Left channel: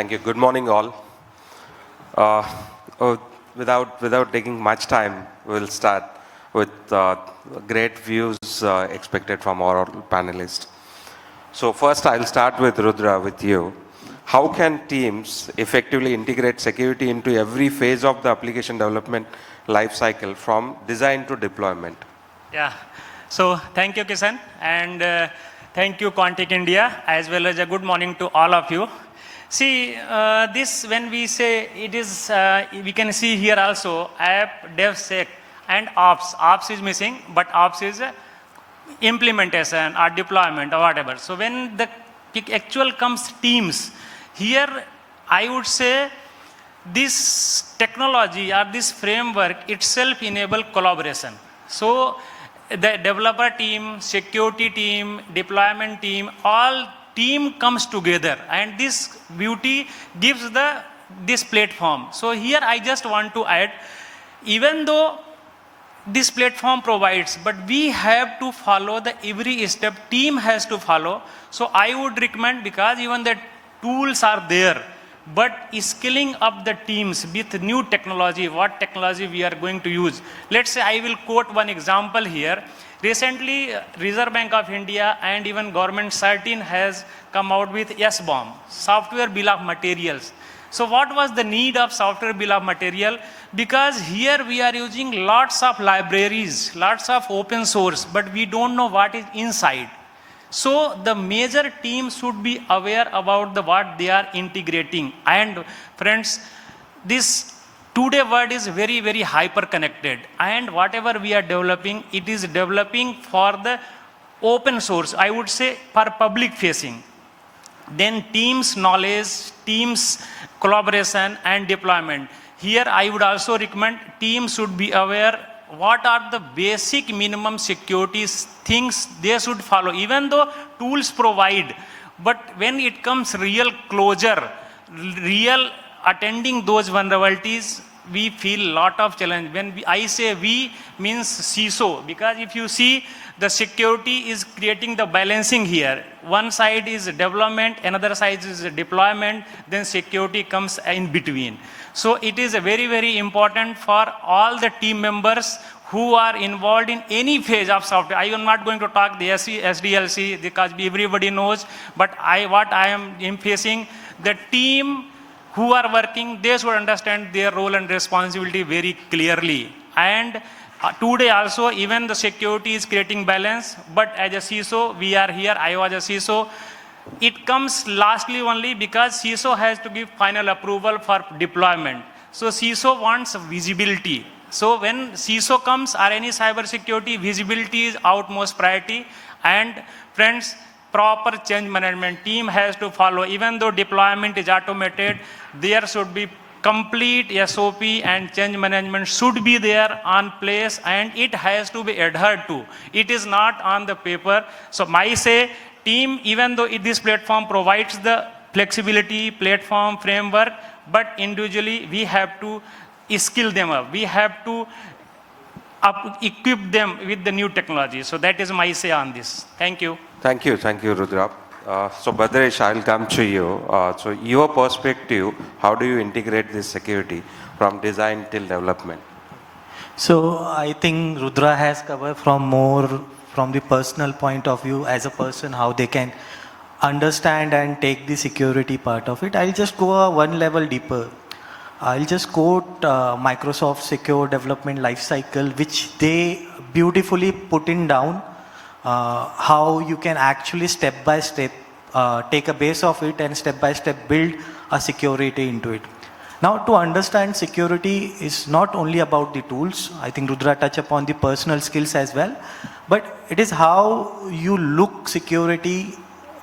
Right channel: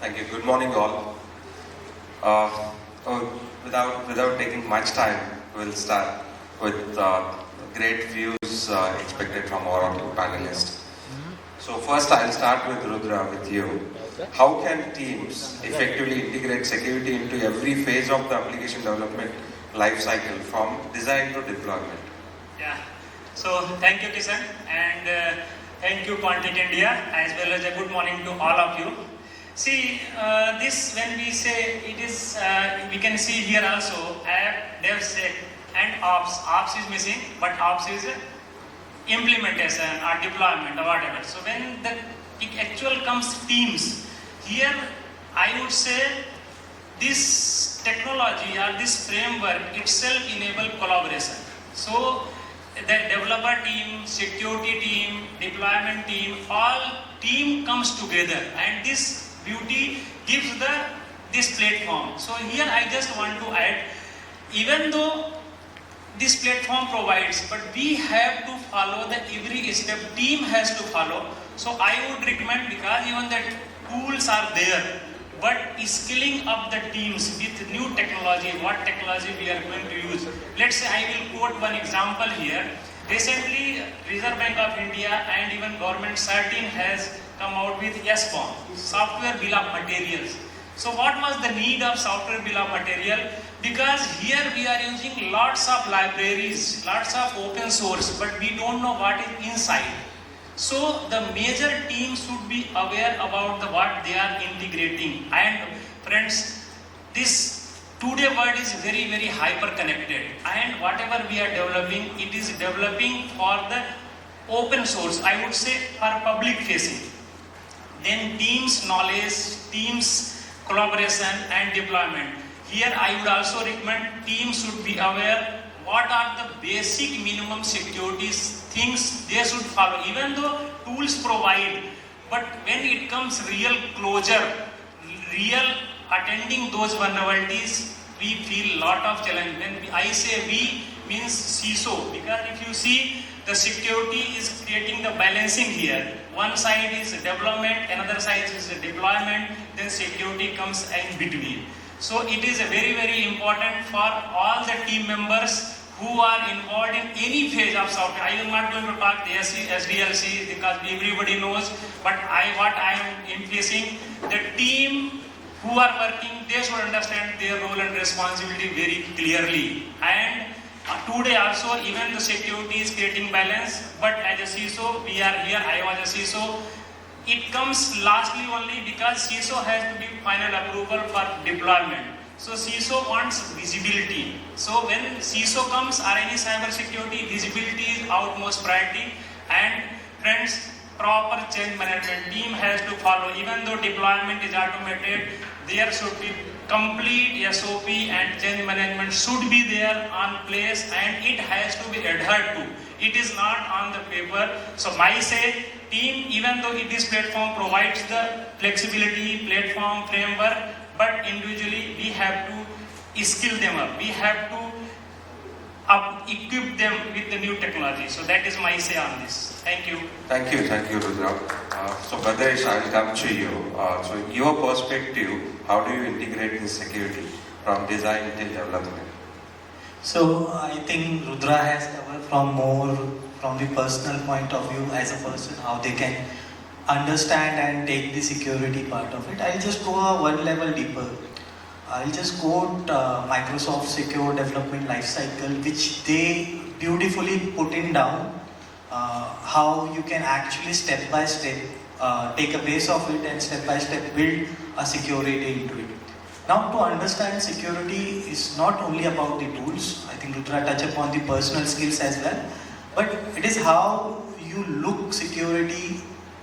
Thank you. Good morning, all. Uh, without taking much time, we'll start with great views expected from our panelists. So first, I'll start with Rudra, with you. How can teams effectively integrate security into every phase of the application development lifecycle, from design to deployment? Yeah. So thank you, Kishan, and thank you, Quantic India, as well as a good morning to all of you. See, this when we say it is, we can see here also app, DevSec, and Ops. Ops is missing, but Ops is implementation or deployment or whatever. So when the actual comes teams, here I would say this technology or this framework itself enable collaboration. So the developer team, security team, deployment team, all team comes together, and this beauty gives this platform. So here I just want to add, even though this platform provides, but we have to follow the every step, team has to follow. So I would recommend, because even the tools are there, but skilling up the teams with new technology, what technology we are going to use. Let's say I will quote one example here. Recently, Reserve Bank of India and even government 13 has come out with SBOM, Software Bill of Materials. So what was the need of Software Bill of Material? Because here we are using lots of libraries, lots of open source, but we don't know what is inside. So the major team should be aware about what they are integrating. And friends, this today world is very, very hyper connected, and whatever we are developing, it is developing for the open source, I would say for public facing. Then teams knowledge, teams collaboration and deployment. Here I would also recommend teams should be aware what are the basic minimum security things they should follow, even though tools provide. But when it comes real closure, real attending those vulnerabilities, we feel lot of challenge. When I say we, means CISO, because if you see, the security is creating the balancing here. One side is development, another side is deployment, then security comes in between. So it is very, very important for all the team members who are involved in any phase of software. I am not going to talk the SDLC because everybody knows, but what I am facing, the team who are working, they should understand their role and responsibility very clearly. And today also, even the security is creating balance, but as a CISO, we are here, I was a CISO. It comes lastly only because CISO has to give final approval for deployment. So CISO wants visibility. So when CISO comes or any cyber security, visibility is outmost priority. And friends, proper change management team has to follow. Even though deployment is automated, there should be complete SOP and change management should be there on place, and it has to be adhered to. It is not on the paper. So I say team, even though this platform provides the flexibility, platform, framework, but individually we have to skill them up. We have to equip them with the new technology. So that is my say on this. Thank you. Thank you, Rudra. So Badrish, I'll come to you. So your perspective, how do you integrate this security from design till development? So I think Rudra has covered from the personal point of view, as a person, how they can understand and take the security part of it. I'll just go one level deeper. I'll just quote Microsoft Secure Development Lifecycle, which they beautifully put in down how you can actually step by step take a base of it and step by step build a security into it. Now, to understand security is not only about the tools. I think Rudra touched upon the personal skills as well, but it is how you look security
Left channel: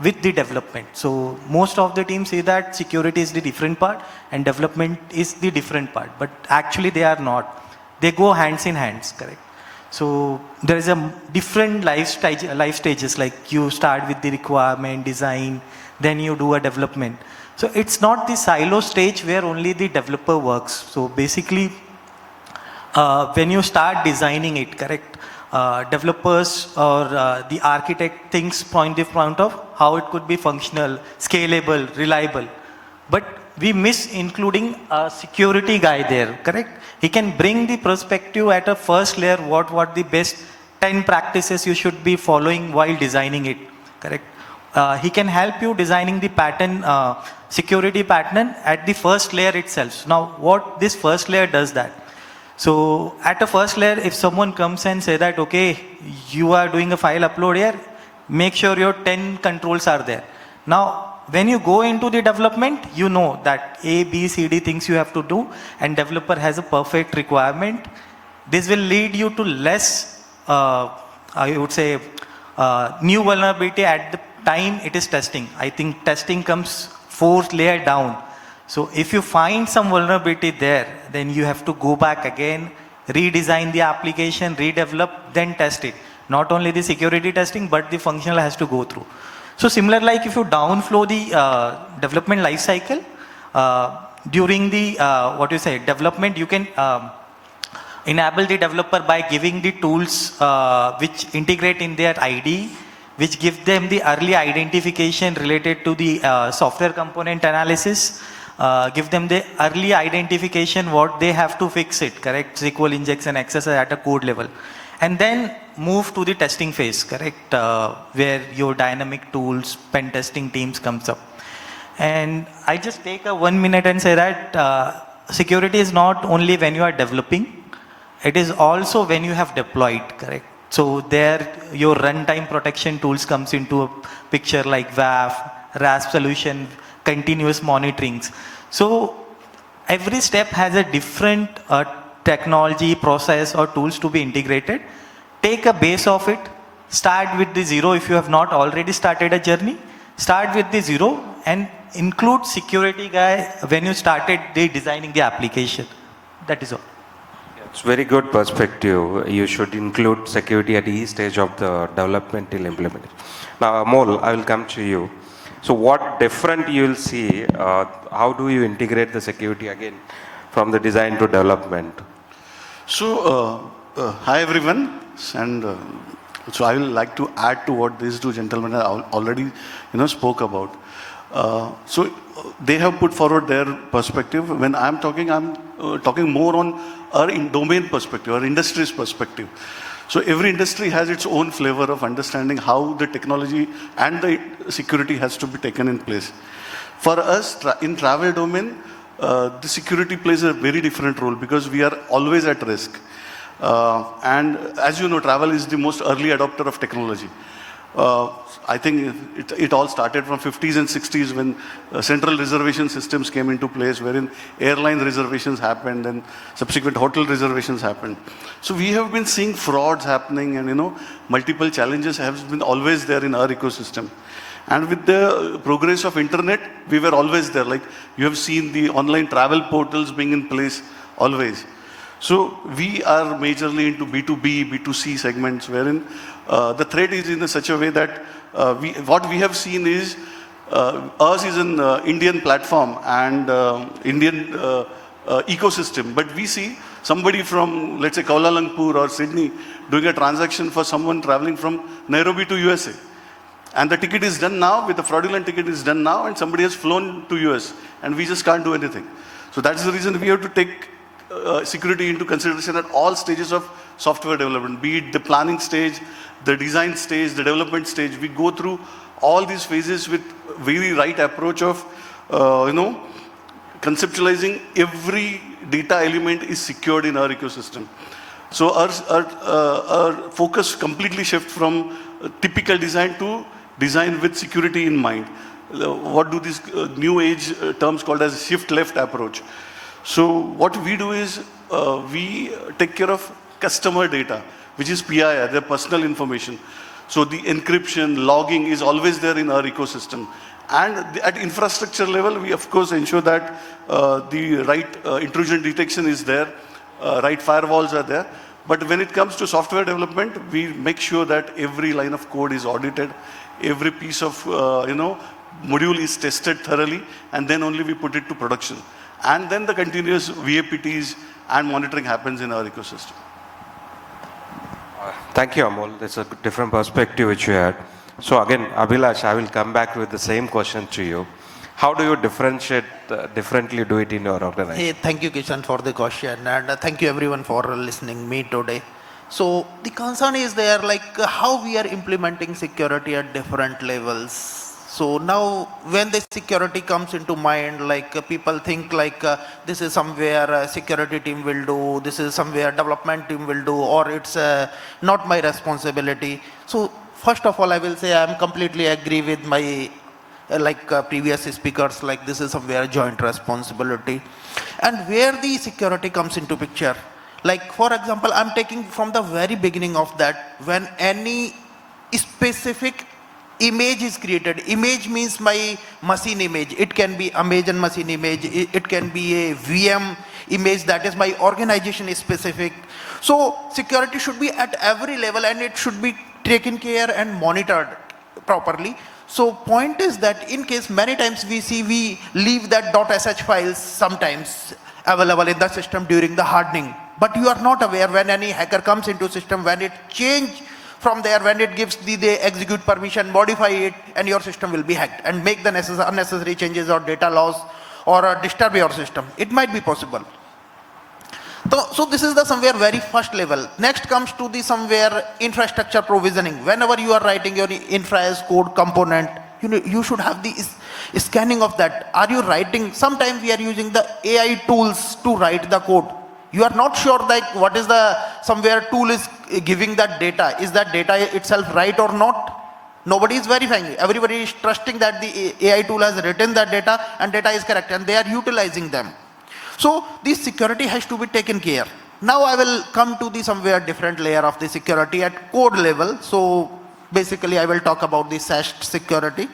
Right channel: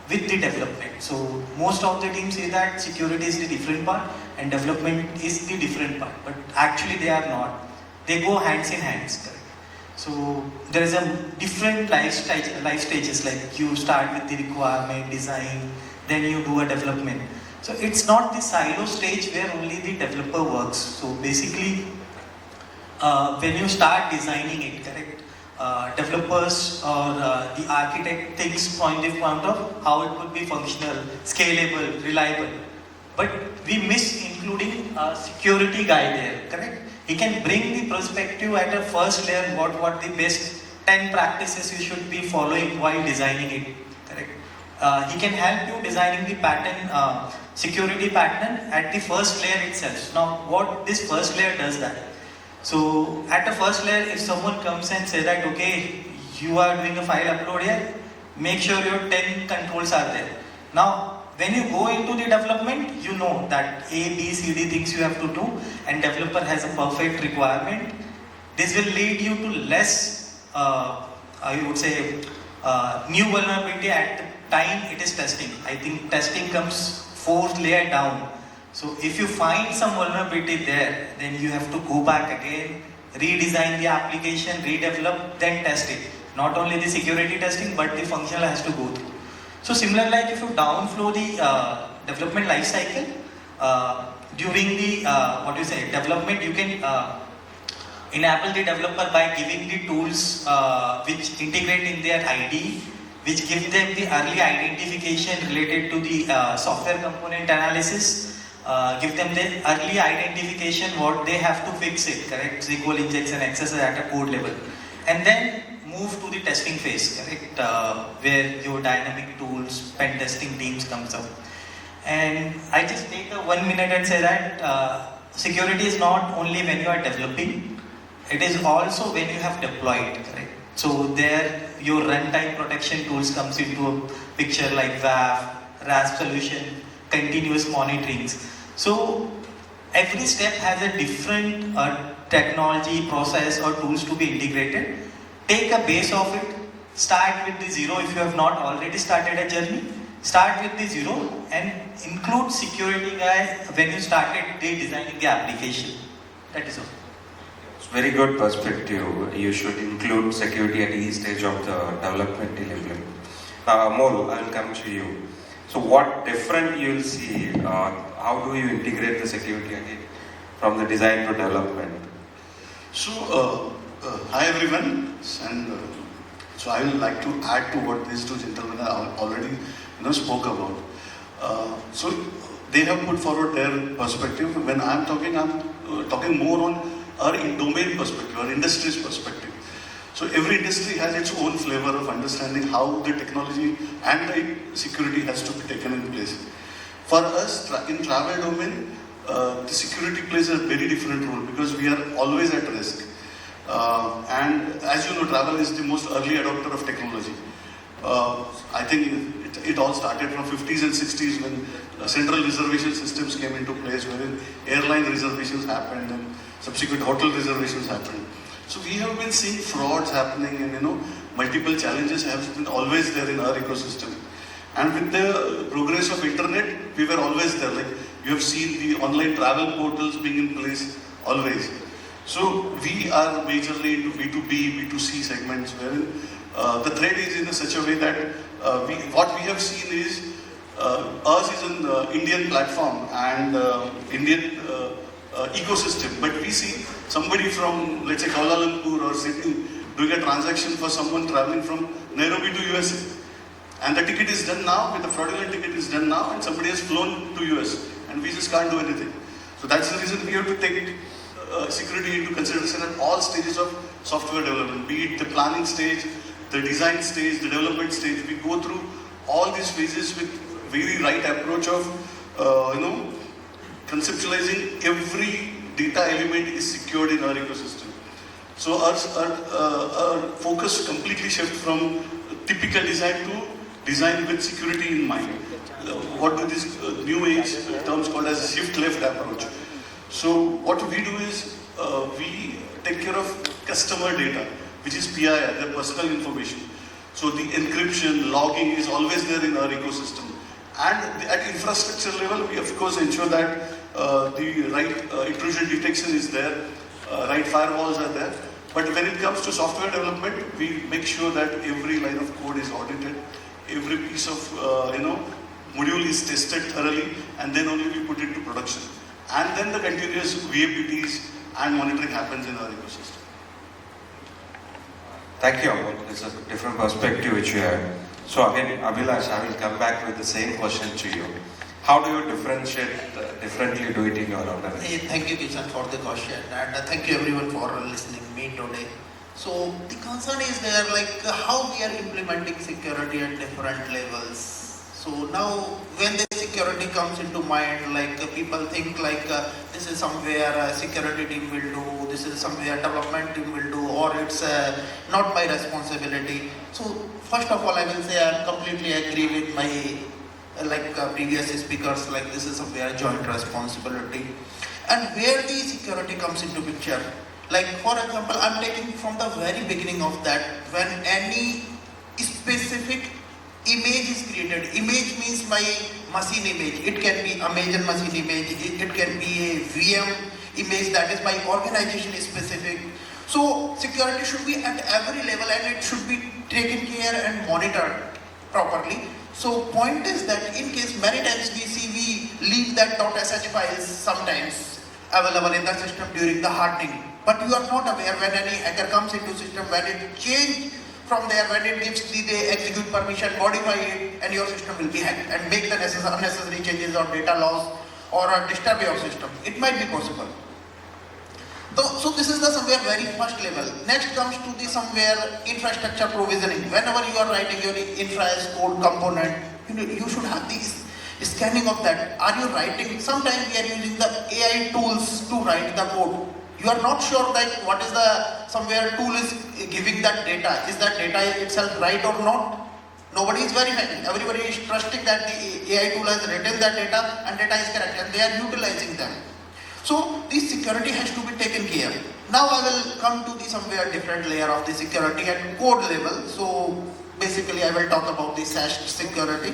with the development. So most of the teams say that security is the different part and development is the different part, but actually they are not. They go hands in hands, correct? So there is a different life stages, like you start with the requirement, design, then you do a development. So it's not the silo stage where only the developer works. So basically, when you start designing it, correct, developers or the architect thinks point of how it could be functional, scalable, reliable. but we miss including a security guy there, correct? He can bring the perspective at a first layer, what the best 10 practices you should be following while designing it, correct? He can help you designing the pattern, security pattern at the first layer itself. Now, what this first layer does that? So, at the first layer, if someone comes and say that, okay, you are doing a file upload here, make sure your 10 controls are there. Now, when you go into the development, you know that A, B, C, D things you have to do, and developer has a perfect requirement. This will lead you to less, I would say, new vulnerability at the time it is testing. I think testing comes fourth layer down. So if you find some vulnerability there, then you have to go back again, redesign the application, redevelop, then test it. Not only the security testing, but the functional has to go through. So similar like if you downflow the development lifecycle, during the, development, you can enable the developer by giving the tools which integrate in their ID, which give them the early identification related to the software component analysis, give them the early identification what they have to fix it, correct? SQL injection, access at a code level. And then move to the testing phase, correct? Where your dynamic tools, pen testing teams comes up. And I just take a 1 minute and say that security is not only when you are developing, it is also when you have deployed, correct? So there your runtime protection tools comes into a picture like WAF, RASP solution, continuous monitorings. So every step has a different technology, process or tools to be integrated. Take a base of it, start with the zero if you have not already started a journey. Start with the zero and include security guy when you started the designing the application. That is all. It's very good perspective. You should include security at each stage of the development till implementation. Now, Amol, I will come to you. So, what different you will see? How do you integrate the security again from the design to development? So, hi everyone, and so I will like to add to what these two gentlemen have already, spoke about. So they have put forward their perspective. When I'm talking more on our domain perspective, our industry's perspective. So every industry has its own flavor of understanding how the technology and the security has to be taken in place. For us, in travel domain, the security plays a very different role because we are always at risk. And as you know, travel is the most early adopter of technology. I think it all started from 50s and 60s when central reservation systems came into place, wherein airline reservations happened and subsequent hotel reservations happened. So we have been seeing frauds happening and multiple challenges have been always there in our ecosystem. And with the progress of internet, we were always there. Like you have seen the online travel portals being in place always. So we are majorly into B2B, B2C segments, wherein the threat is in such a way that what we have seen is us is an Indian platform and Indian ecosystem, but we see somebody from, let's say, Kuala Lumpur or Sydney doing a transaction for someone traveling from Nairobi to USA. And the ticket is done now, with the fraudulent ticket is done now, and somebody has flown to US, and we just can't do anything. So that's the reason we have to take security into consideration at all stages of software development, be it the planning stage, the design stage, the development stage. We go through all these phases with very right approach of, conceptualizing every data element is secured in our ecosystem. So our focus completely shifts from typical design to design with security in mind. What do these new age terms called as shift left approach? So what we do is we take care of customer data, which is PII, their personal information. So the encryption, logging is always there in our ecosystem. And at infrastructure level, we of course ensure that the right intrusion detection is there, right firewalls are there. But when it comes to software development, we make sure that every line of code is audited, every piece of module is tested thoroughly, and then only we put it to production. And then the continuous VAPTs and monitoring happens in our ecosystem. Thank you, Amol. That's a different perspective which you have. So again, Abhilash, I will come back with the same question to you. how do you differentiate, differently do it in your organization? Hey, thank you, Kishan, for the question, and thank you everyone for listening me today. So the concern is there, like how we are implementing security at different levels. So now, when the security comes into mind, like people think like this is somewhere a security team will do, this is somewhere development team will do, or it's not my responsibility. So first of all, I will say I am completely agree with my previous speakers, like this is somewhere joint responsibility. And where the security comes into picture, like for example, I'm taking from the very beginning of that, when any specific image is created. Image means my machine image. It can be Amazon machine image, it can be a VM image that is my organization specific. So security should be at every level and it should be taken care and monitored properly. So point is that in case many times we see we leave that .sh files sometimes available in the system during the hardening. But you are not aware when any hacker comes into system, when it change from there, when it gives the execute permission, modify it, and your system will be hacked and make the unnecessary changes or data loss or disturb your system. It might be possible. So this is the somewhere very first level. Next comes to the somewhere infrastructure provisioning. Whenever you are writing your infra as code component, you should have the scanning of that. Are you writing? Sometimes we are using the AI tools to write the code. You are not sure that what is the somewhere tool is giving that data. Is that data itself right or not? Nobody is verifying. Everybody is trusting that the AI tool has written that data and data is correct and they are utilizing them. So this security has to be taken care. Now I will come to the somewhere different layer of the security at code level. So basically I will talk about the SAST security.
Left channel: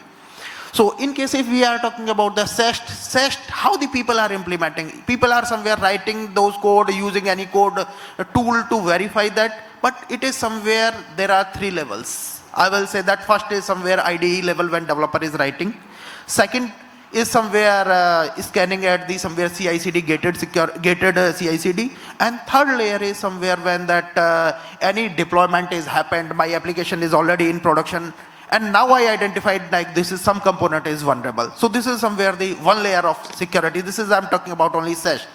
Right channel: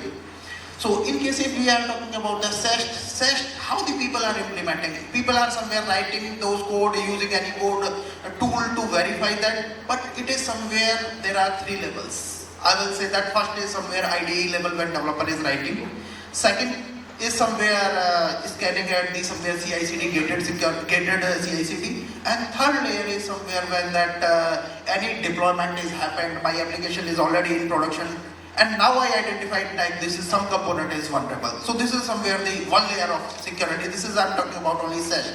So in case if we are talking about the SAST, how the people are implementing. People are somewhere writing those code, using any code tool to verify that, but it is somewhere there are three levels. I will say that first is somewhere IDE level when developer is writing. Second is somewhere scanning at the somewhere CI/CD gated CI/CD, and third layer is somewhere when that any deployment is happened, my application is already in production, and now I identified like this is some component is vulnerable. So this is somewhere the one layer of security. This is I'm talking about only SAST.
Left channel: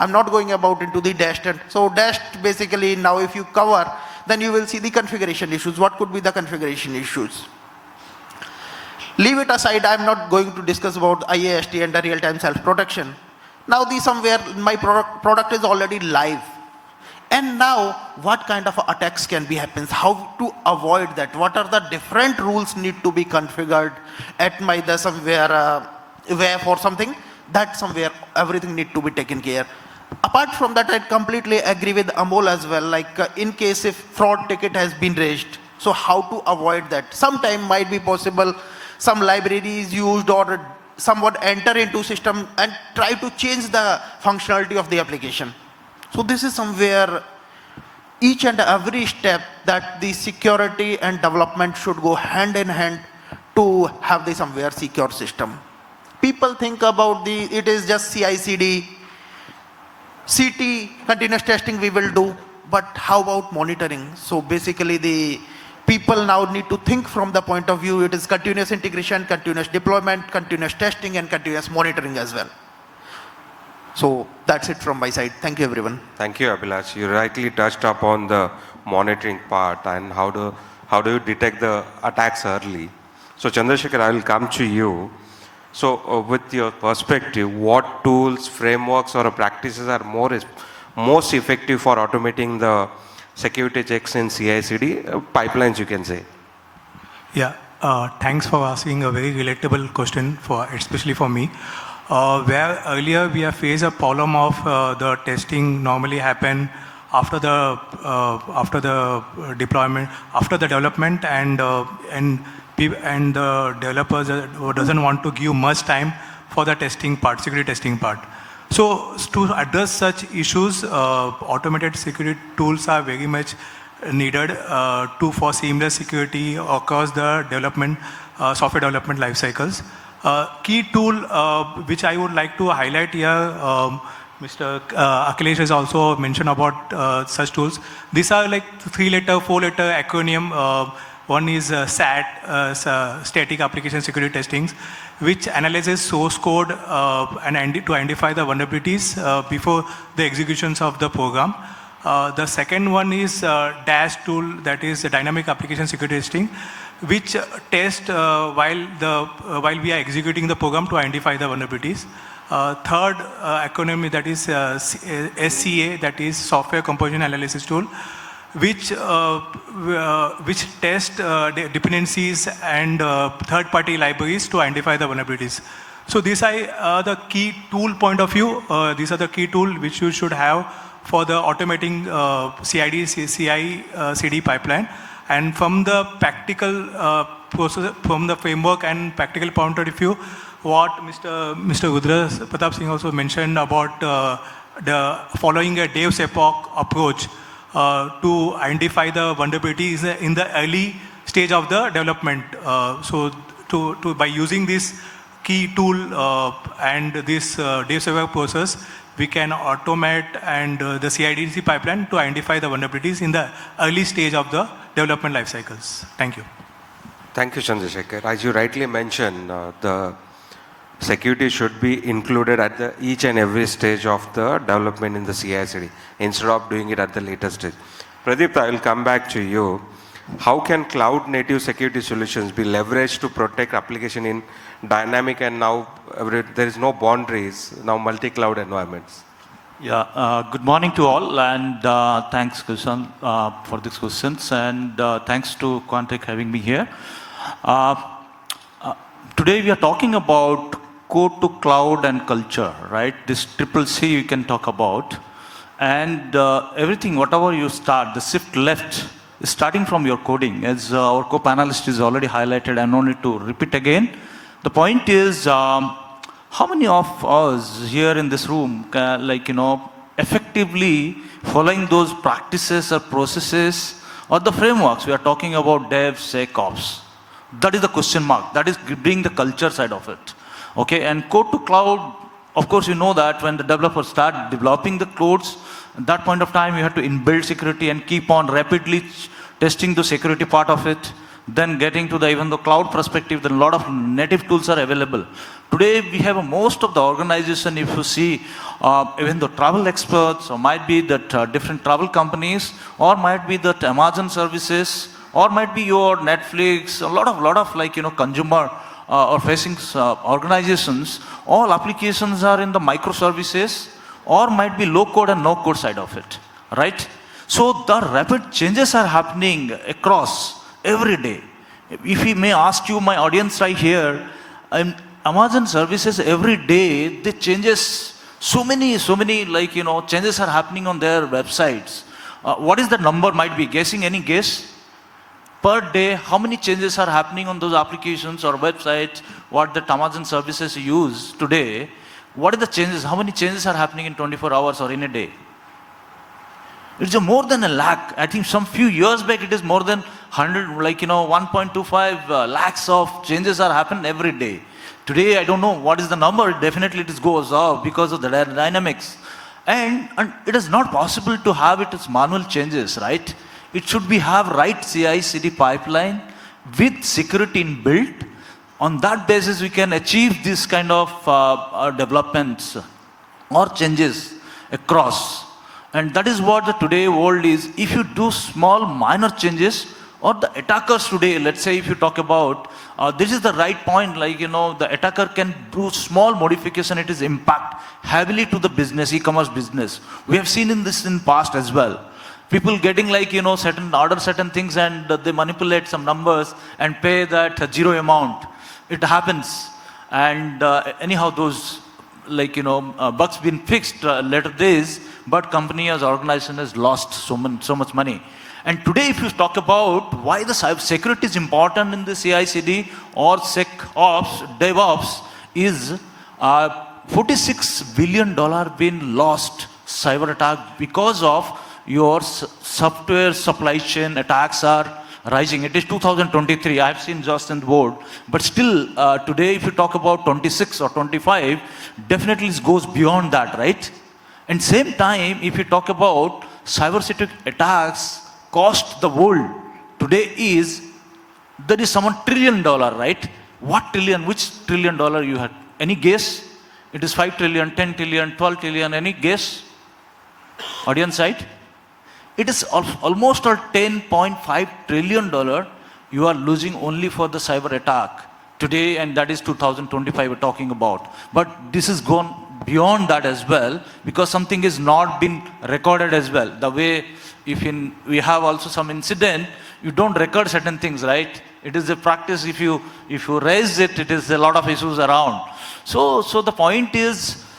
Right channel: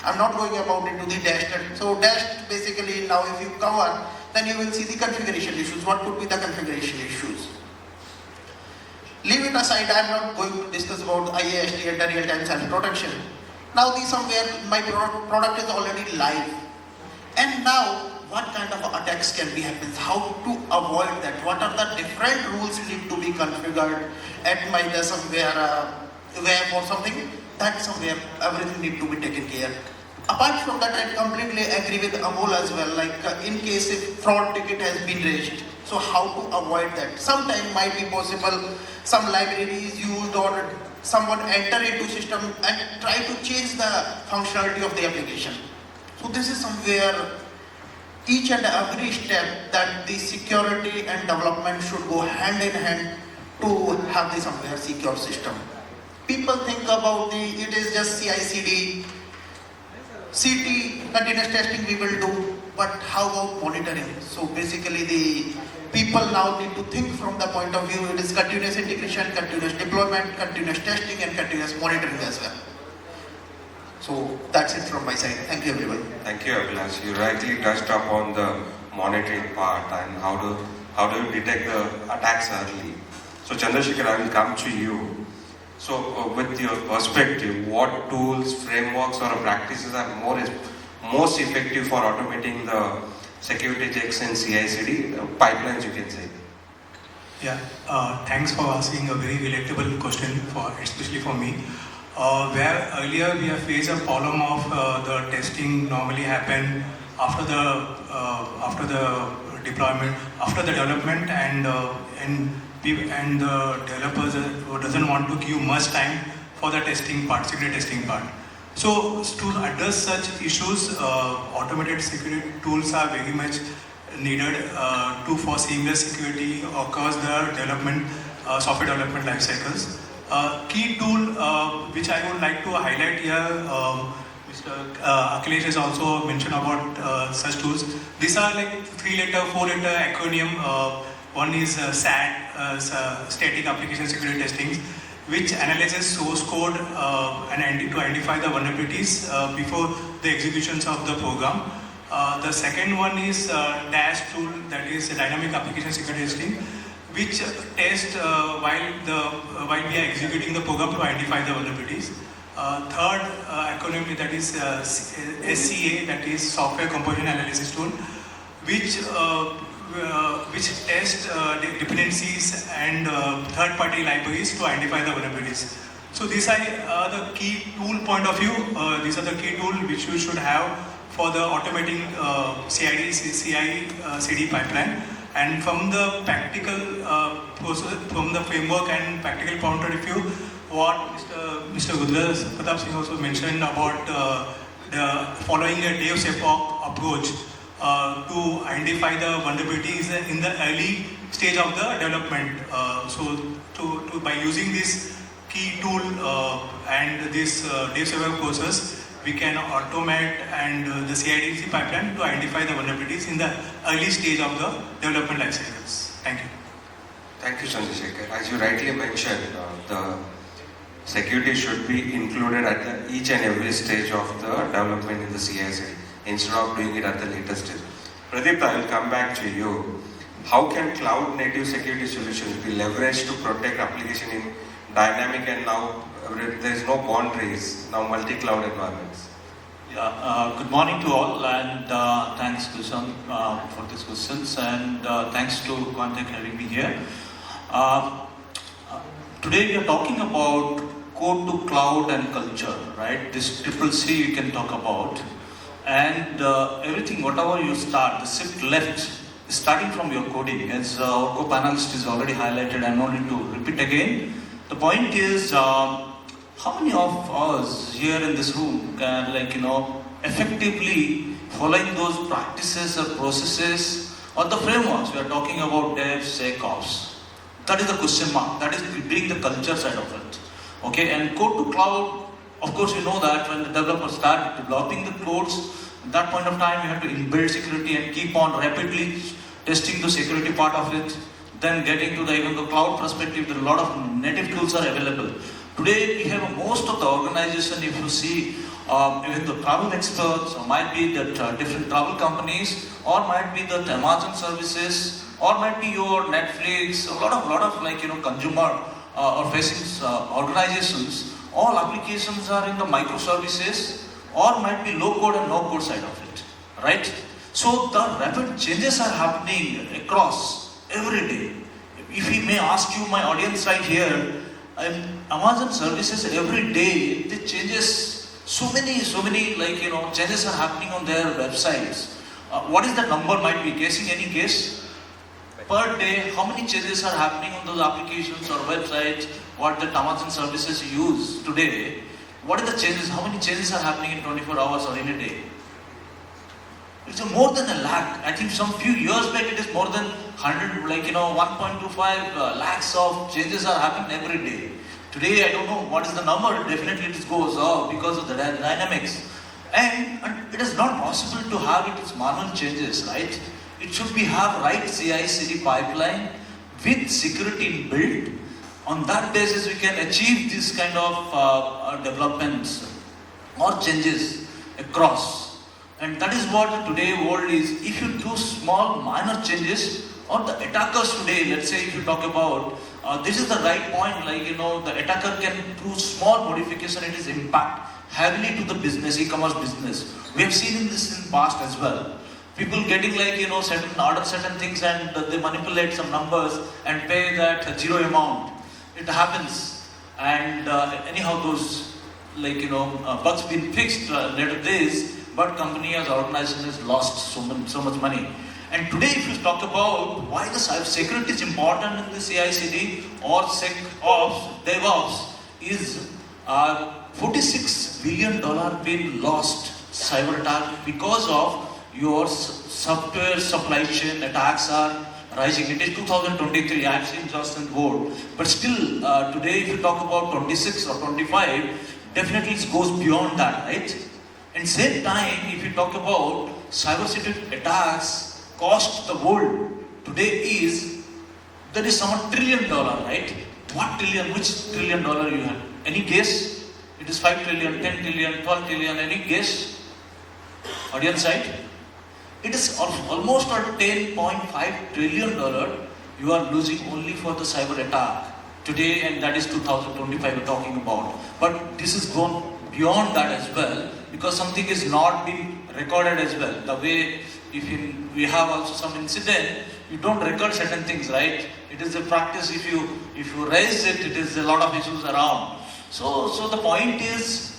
I'm not going about into the DAST. So DAST basically now if you cover, then you will see the configuration issues. What could be the configuration issues? Leave it aside, I am not going to discuss about IAST and the real-time self-protection. Now the somewhere my product is already live. And now what kind of attacks can be happens? How to avoid that? What are the different rules need to be configured at my the somewhere where for something that somewhere everything need to be taken care. Apart from that, I completely agree with Amol as well. Like in case if fraud ticket has been raised, so how to avoid that? Sometime might be possible some library is used or someone enter into system and try to change the functionality of the application. So this is somewhere each and every step that the security and development should go hand in hand to have the somewhere secure system. People think about it is just CI/CD, CT, continuous testing we will do, but how about monitoring? So basically the people now need to think from the point of view, it is continuous integration, continuous deployment, continuous testing and continuous monitoring as well. So that's it from my side. Thank you everyone. Thank you, Abhilash. You rightly touched upon the monitoring part and how do you detect the attacks early. So Chandrashekar, I will come to you. So with your perspective, what tools, frameworks or practices are most effective for automating the security checks in CI/CD pipelines, you can say? Yeah, thanks for asking a very relatable question, especially for me. Where earlier we have faced a problem of the testing normally happen after the deployment, after the development, and the developers doesn't want to give much time for the testing part, security testing part. So to address such issues, automated security tools are very much needed for seamless security across the development, software development life cycles. Key tool which I would like to highlight here, Mr. Akhilesh has also mentioned about such tools. These are like 3-letter, 4-letter acronym. One is SAT, Static Application Security Testing, which analyzes source code to identify the vulnerabilities before the executions of the program. The second one is DASH tool, that is Dynamic Application Security Testing, which test while we are executing the program to identify the vulnerabilities. Third acronym, that is SCA, that is Software Composition Analysis Tool, which test dependencies and third-party libraries to identify the vulnerabilities. So these are the key tool point of view. These are the key tool which you should have for the automating CI/CD pipeline. And from the practical process, from the framework and practical point of view, what Mr. Rudra Pratap Singh also mentioned about the following a DevSecOps approach to identify the vulnerabilities in the early stage of the development. So by using this key tool and this DevSecOps process, we can automate and the CI/CD pipeline to identify the vulnerabilities in the early stage of the development life cycles. Thank you. Thank you, Chandrashekar. As you rightly mentioned, the security should be included at each and every stage of the development in the CI/CD instead of doing it at the later stage. Pradipta, I will come back to you. How can cloud native security solutions be leveraged to protect application in dynamic and now there is no boundaries, now multi-cloud environments? Yeah, good morning to all, and thanks Kishan for these questions, and thanks to Kendre having me here. Today we are talking about code to cloud and culture, right? This triple C you can talk about, and everything, whatever you start, the shift left is starting from your coding, as our co-panelist is already highlighted. I no need to repeat again. The point is, how many of us here in this room can, effectively following those practices or processes or the frameworks? We are talking about DevSecOps. That is the question mark. That is being the culture side of it. Okay, and code to cloud, of course, you know that when the developers start developing the codes, at that point of time, you have to inbuild security and keep on rapidly testing the security part of it. Then getting to the even the cloud perspective, a lot of native tools are available. Today, we have most of the organization, if you see, even the travel experts, or might be that different travel companies, or might be that Amazon services, or might be your Netflix, a lot of consumer or facing organizations, all applications are in the microservices, or might be low code and no code side of it, right? So the rapid changes are happening across every day. If we may ask you, my audience right here, Amazon services every day, they changes so many changes are happening on their websites. What is the number? Might be guessing, any guess? Per day, how many changes are happening on those applications or websites what the Amazon services use today? What are the changes? How many changes are happening in 24 hours or in a day? It's more than 1 lakh. I think some few years back it is more than 1.25 lakhs of changes are happening every day. Today I don't know what is the number. Definitely it goes up because of the dynamics. And it is not possible to have it as manual changes, right? It should be have right CI/CD pipeline with security inbuilt. On that basis, we can achieve this kind of developments or changes across. And that is what the today world is. If you do small minor changes, or the attackers today, let's say if you talk about, this is the right point, the attacker can do small modification, it is impact heavily to the business, e-commerce business. We have seen in this in past as well. People getting certain things and they manipulate some numbers and pay that zero amount. It happens, and anyhow those bugs been fixed later days, but company as organization has lost so much money. And today if you talk about why the cyber security is important in the CI/CD or SecOps, DevOps, is $46 billion been lost cyber attack because of your software supply chain attacks are rising. It is 2023, I have seen just in the board. But still, today if you talk about 26 or 25, definitely it goes beyond that, right? And same time, if you talk about cyber security attacks cost the world, today there is some $1 trillion, right? What trillion, which $1 trillion you had? Any guess? It is 5 trillion, 10 trillion, 12 trillion, any guess? Audience side? It is almost a $10.5 trillion you are losing only for the cyber attack today, and that is 2025 we're talking about. But this is gone beyond that as well, because something is not been recorded as well. The way we have also some incident, you don't record certain things, right? It is a practice, if you raise it, it is a lot of issues around. So the point is,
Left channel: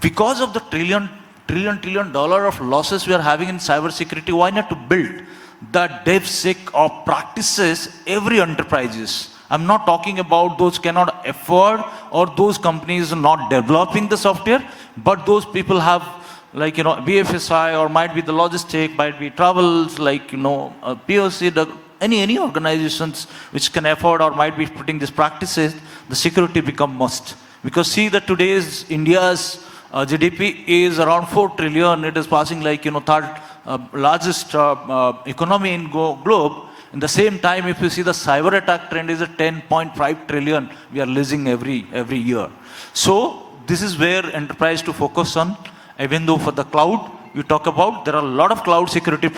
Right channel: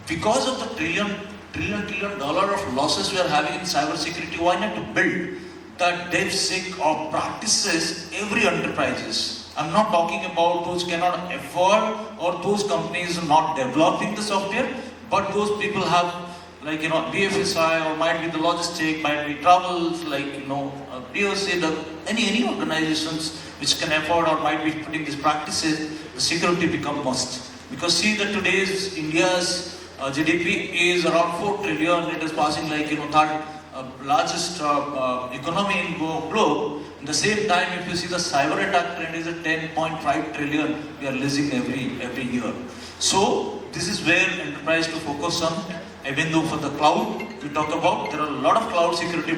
because of the trillion dollar of losses we are having in cyber security, why not to build the DevSec of practices every enterprises? I'm not talking about those cannot afford or those companies not developing the software, but those people have, like, BFSI, or might be the logistic, might be travels, like, POC, any organizations which can afford or might be putting these practices, the security become must. Because see that today's India's GDP is around 4 trillion, it is passing like, third largest economy in globe. In the same time, if you see the cyber attack trend is at 10.5 trillion, we are losing every year. So this is where enterprise to focus on. Even though for the cloud, you talk about, there are a lot of cloud security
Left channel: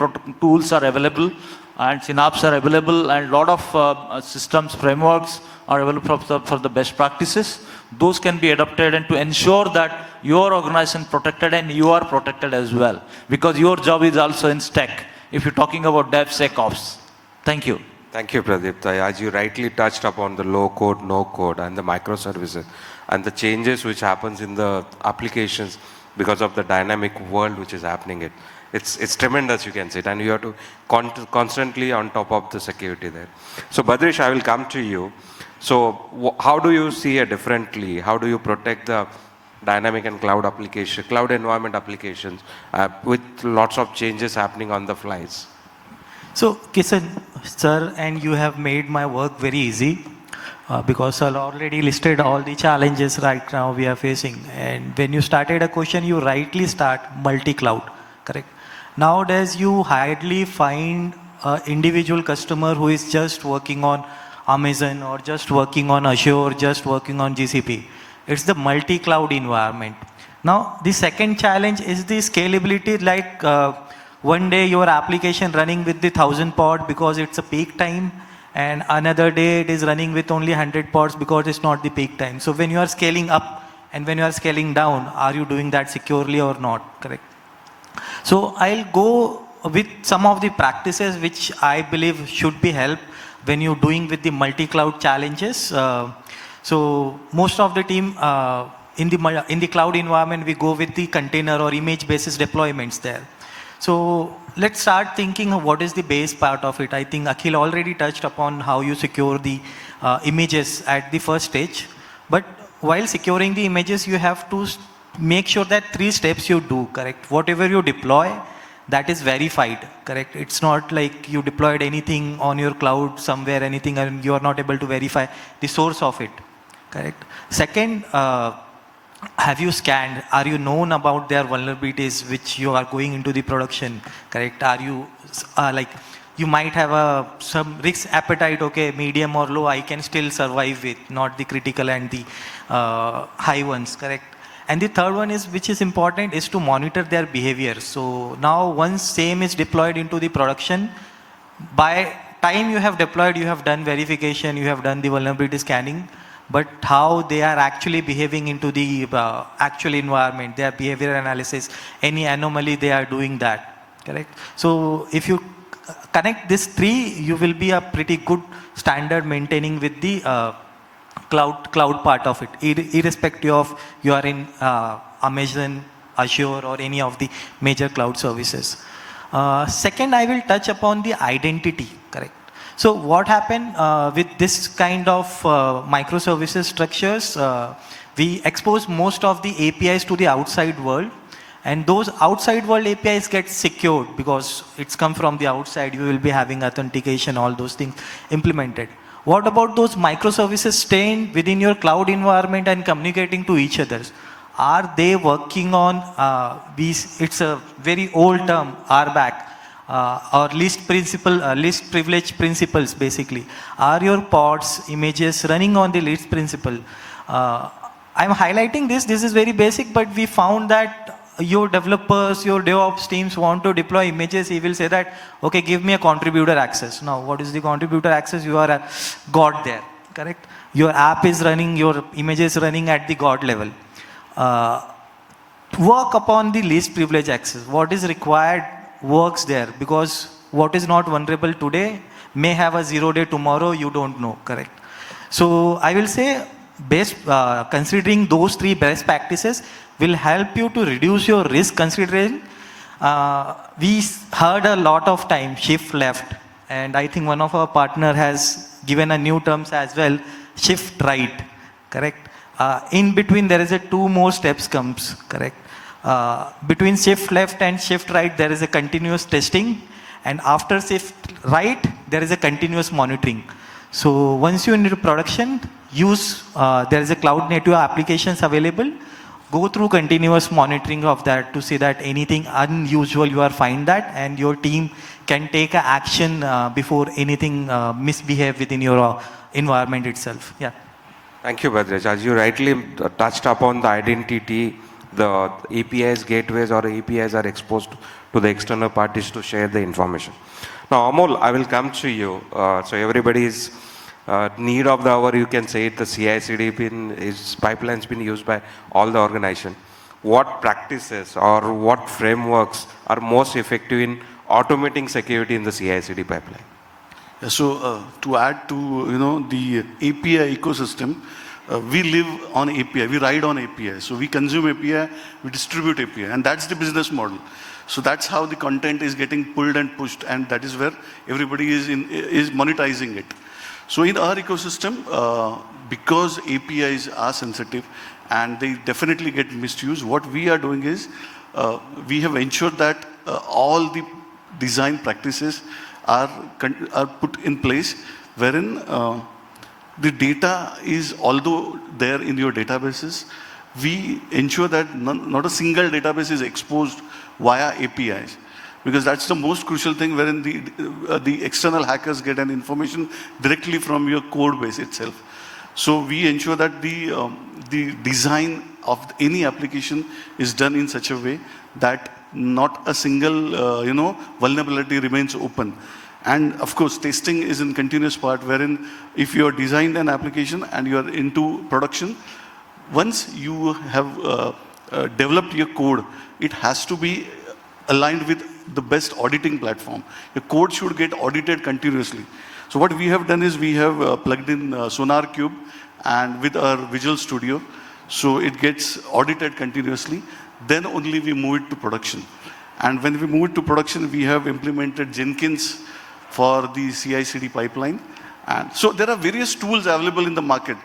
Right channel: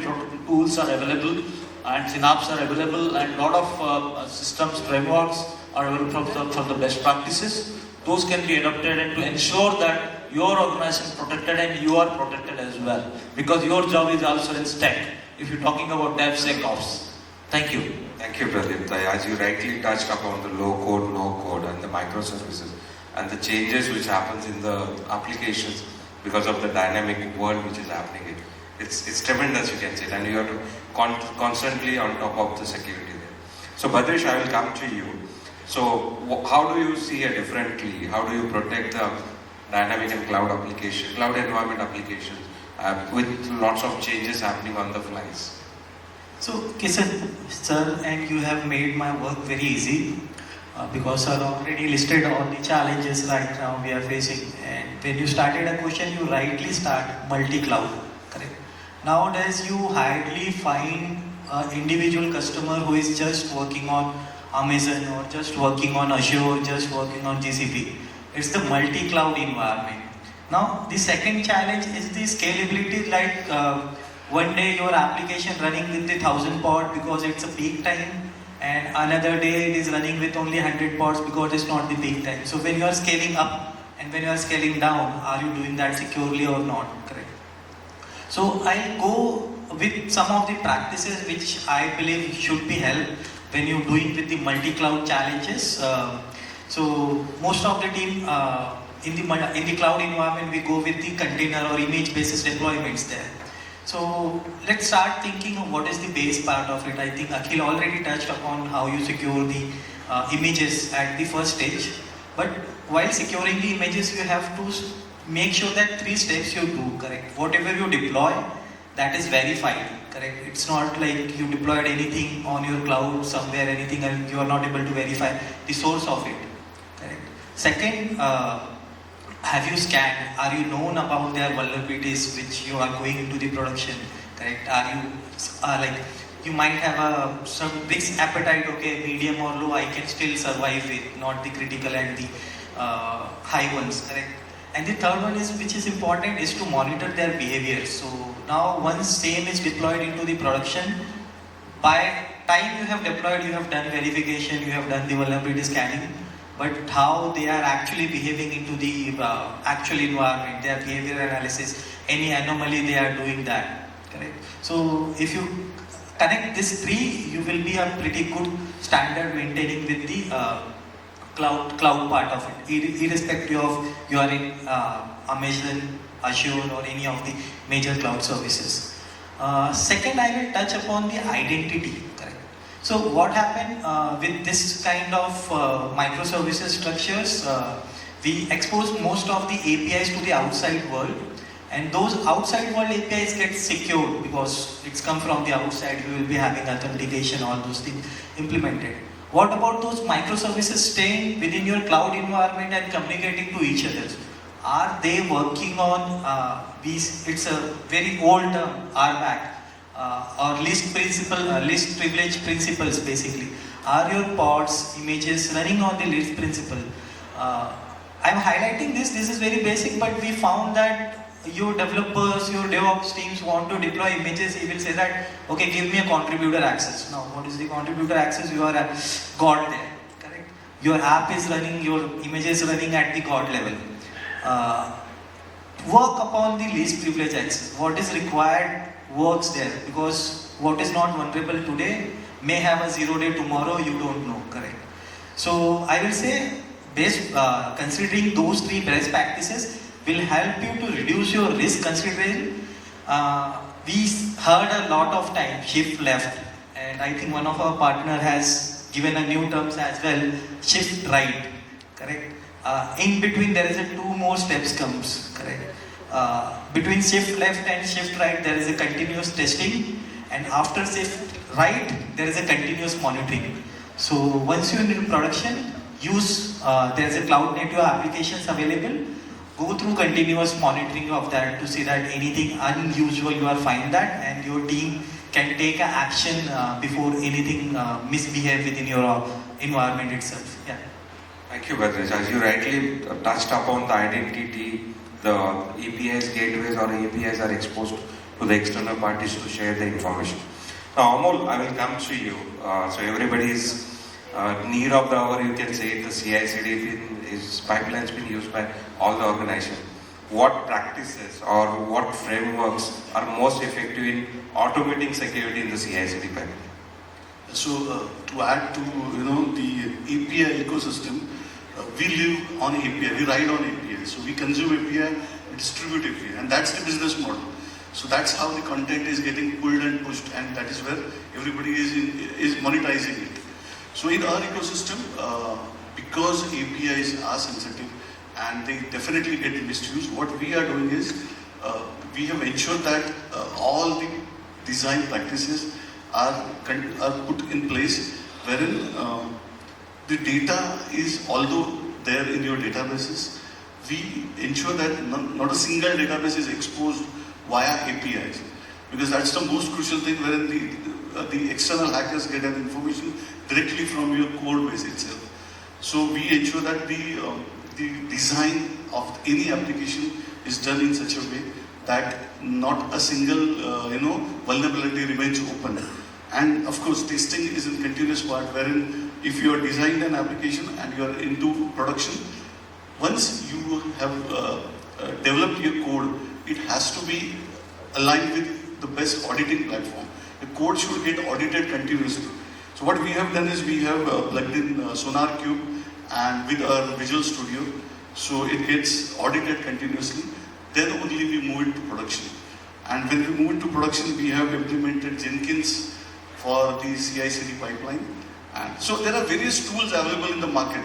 tools are available, and Synapse are available, and a lot of systems, frameworks are available for the best practices. Those can be adopted and to ensure that your organization is protected and you are protected as well. Because your job is also in stack, if you're talking about DevSecOps. Thank you. Thank you, Pradipta. As you rightly touched upon the low code, no code, and the microservices, and the changes which happens in the applications because of the dynamic world which is happening. It's tremendous, you can say it, and you have to constantly on top of the security there. So Badrish, I will come to you. So how do you see it differently? How do you protect the dynamic and cloud environment applications with lots of changes happening on the flies? So, Kishan, sir, and you have made my work very easy because sir already listed all the challenges right now we are facing. And when you started a question, you rightly start multi-cloud, correct? Nowadays, you hardly find an individual customer who is just working on Amazon or just working on Azure, just working on GCP. It's the multi-cloud environment. Now, the second challenge is the scalability, like one day your application running with the 1000 pod because it's a peak time, and another day it is running with only 100 pods because it's not the peak time. So when you are scaling up and when you are scaling down, are you doing that securely or not, correct? So I'll go with some of the practices which I believe should be helped when you're doing with the multi-cloud challenges. So most of the team in the cloud environment, we go with the container or image basis deployments there. So let's start thinking of what is the base part of it. I think Akhil already touched upon how you secure the images at the first stage. But while securing the images, you have to make sure that 3 steps you do, correct? Whatever you deploy, that is verified, correct? It's not like you deployed anything on your cloud somewhere, anything, and you are not able to verify the source of it, correct? Second, have you scanned? Are you known about their vulnerabilities which you are going into the production, correct? Are you like, you might have some risk appetite, okay, medium or low, I can still survive it, not the critical and the high ones, correct? And the third one is, which is important, is to monitor their behavior. So now once same is deployed into the production, by time you have deployed, you have done verification, you have done the vulnerability scanning, but how they are actually behaving into the actual environment, their behavior analysis, any anomaly they are doing that, correct? So if you connect these 3, you will be a pretty good standard maintaining with the cloud part of it, irrespective of you are in Amazon, Azure, or any of the major cloud services. Second, I will touch upon the identity, correct? So what happened with this kind of microservices structures, we expose most of the APIs to the outside world, and those outside world APIs get secured because it's come from the outside, you will be having authentication, all those things implemented. What about those microservices staying within your cloud environment and communicating to each other? Are they working on these, it's a very old term, RBAC, or least privilege principles basically. Are your pods, images running on the leaf principle? I am highlighting this is very basic, but we found that your developers, your DevOps teams want to deploy images, he will say that, okay, give me a contributor access. Now, what is the contributor access? You are God there, correct? Your app is running, your image is running at the God level. Work upon the least privilege access. What is required works there, because what is not vulnerable today may have a 0 day tomorrow, you don't know, correct? So I will say, considering those 3 best practices will help you to reduce your risk considering. We heard a lot of time shift left, and I think one of our partner has given a new terms as well, shift right, correct? In between there is a 2 more steps comes, correct? Between shift left and shift right there is a continuous testing, and after shift right there is a continuous monitoring. So once you enter production, use there is a cloud native applications available. Go through continuous monitoring of that to see that anything unusual you are find that, and your team can take a action before anything misbehave within your environment itself. Yeah. Thank you, Badrish. As you rightly touched upon the identity, the APIs, gateways or APIs are exposed to the external parties to share the information. Now, Amol, I will come to you. So everybody's need of the hour, you can say it, the CI/CD pipeline's been used by all the organization. What practices or what frameworks are most effective in automating security in the CI/CD pipeline? Yeah, so to add to the API ecosystem, we live on API, we ride on API. So we consume API, we distribute API, and that's the business model. So that's how the content is getting pulled and pushed, and that is where everybody is monetizing it. So in our ecosystem, because APIs are sensitive and they definitely get misused, what we are doing is we have ensured that all the design practices are put in place, wherein the data is, although there in your databases, we ensure that not a single database is exposed via APIs. Because that's the most crucial thing, wherein the external hackers get an information directly from your code base itself. So we ensure that the design of any application is done in such a way that not a single vulnerability remains open. And of course, testing is in continuous part, wherein if you have designed an application and you are into production, once you have developed your code, it has to be aligned with the best auditing platform. The code should get audited continuously. So what we have done is we have plugged in SonarQube and with our Visual Studio, so it gets audited continuously. Then only we move it to production. And when we move it to production, we have implemented Jenkins for the CI/CD pipeline. And so there are various tools available in the market,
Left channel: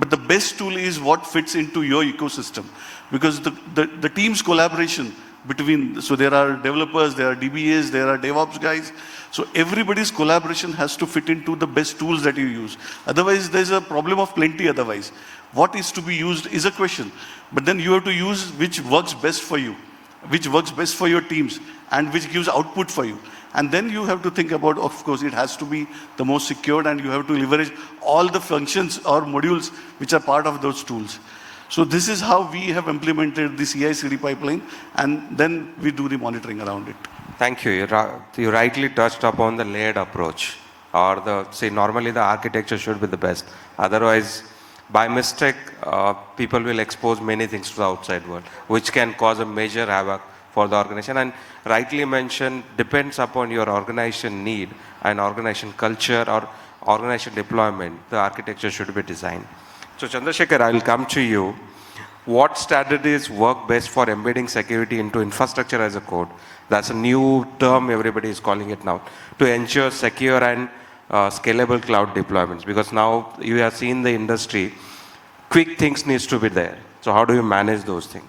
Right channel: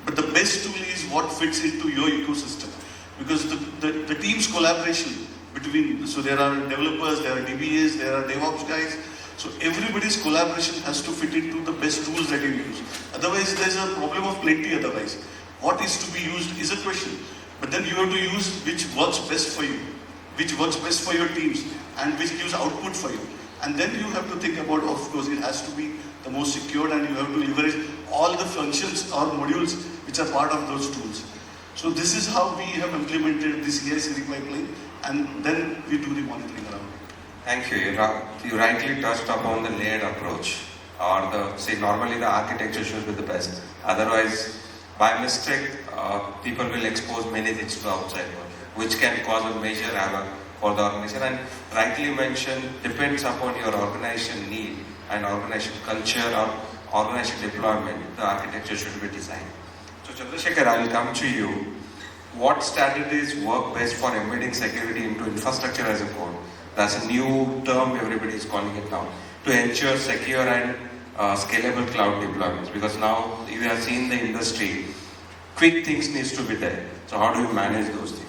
but the best tool is what fits into your ecosystem, because the team's collaboration between, so there are developers, there are DBAs, there are DevOps guys. So everybody's collaboration has to fit into the best tools that you use. Otherwise, there's a problem of plenty otherwise. What is to be used is a question. But then you have to use which works best for you, which works best for your teams, and which gives output for you. And then you have to think about, of course, it has to be the most secured, and you have to leverage all the functions or modules which are part of those tools. So this is how we have implemented the CI/CD pipeline, and then we do the monitoring around it. Thank you. You rightly touched upon the layered approach, or normally the architecture should be the best. Otherwise, by mistake, people will expose many things to the outside world, which can cause a major havoc for the organization. And rightly mentioned, depends upon your organization need and organization culture or organization deployment, the architecture should be designed. So Chandrashekar, I will come to you. What strategies work best for embedding security into infrastructure as a code? That's a new term everybody is calling it now, to ensure secure and scalable cloud deployments. Because now you have seen the industry, quick things needs to be there. So how do you manage those things?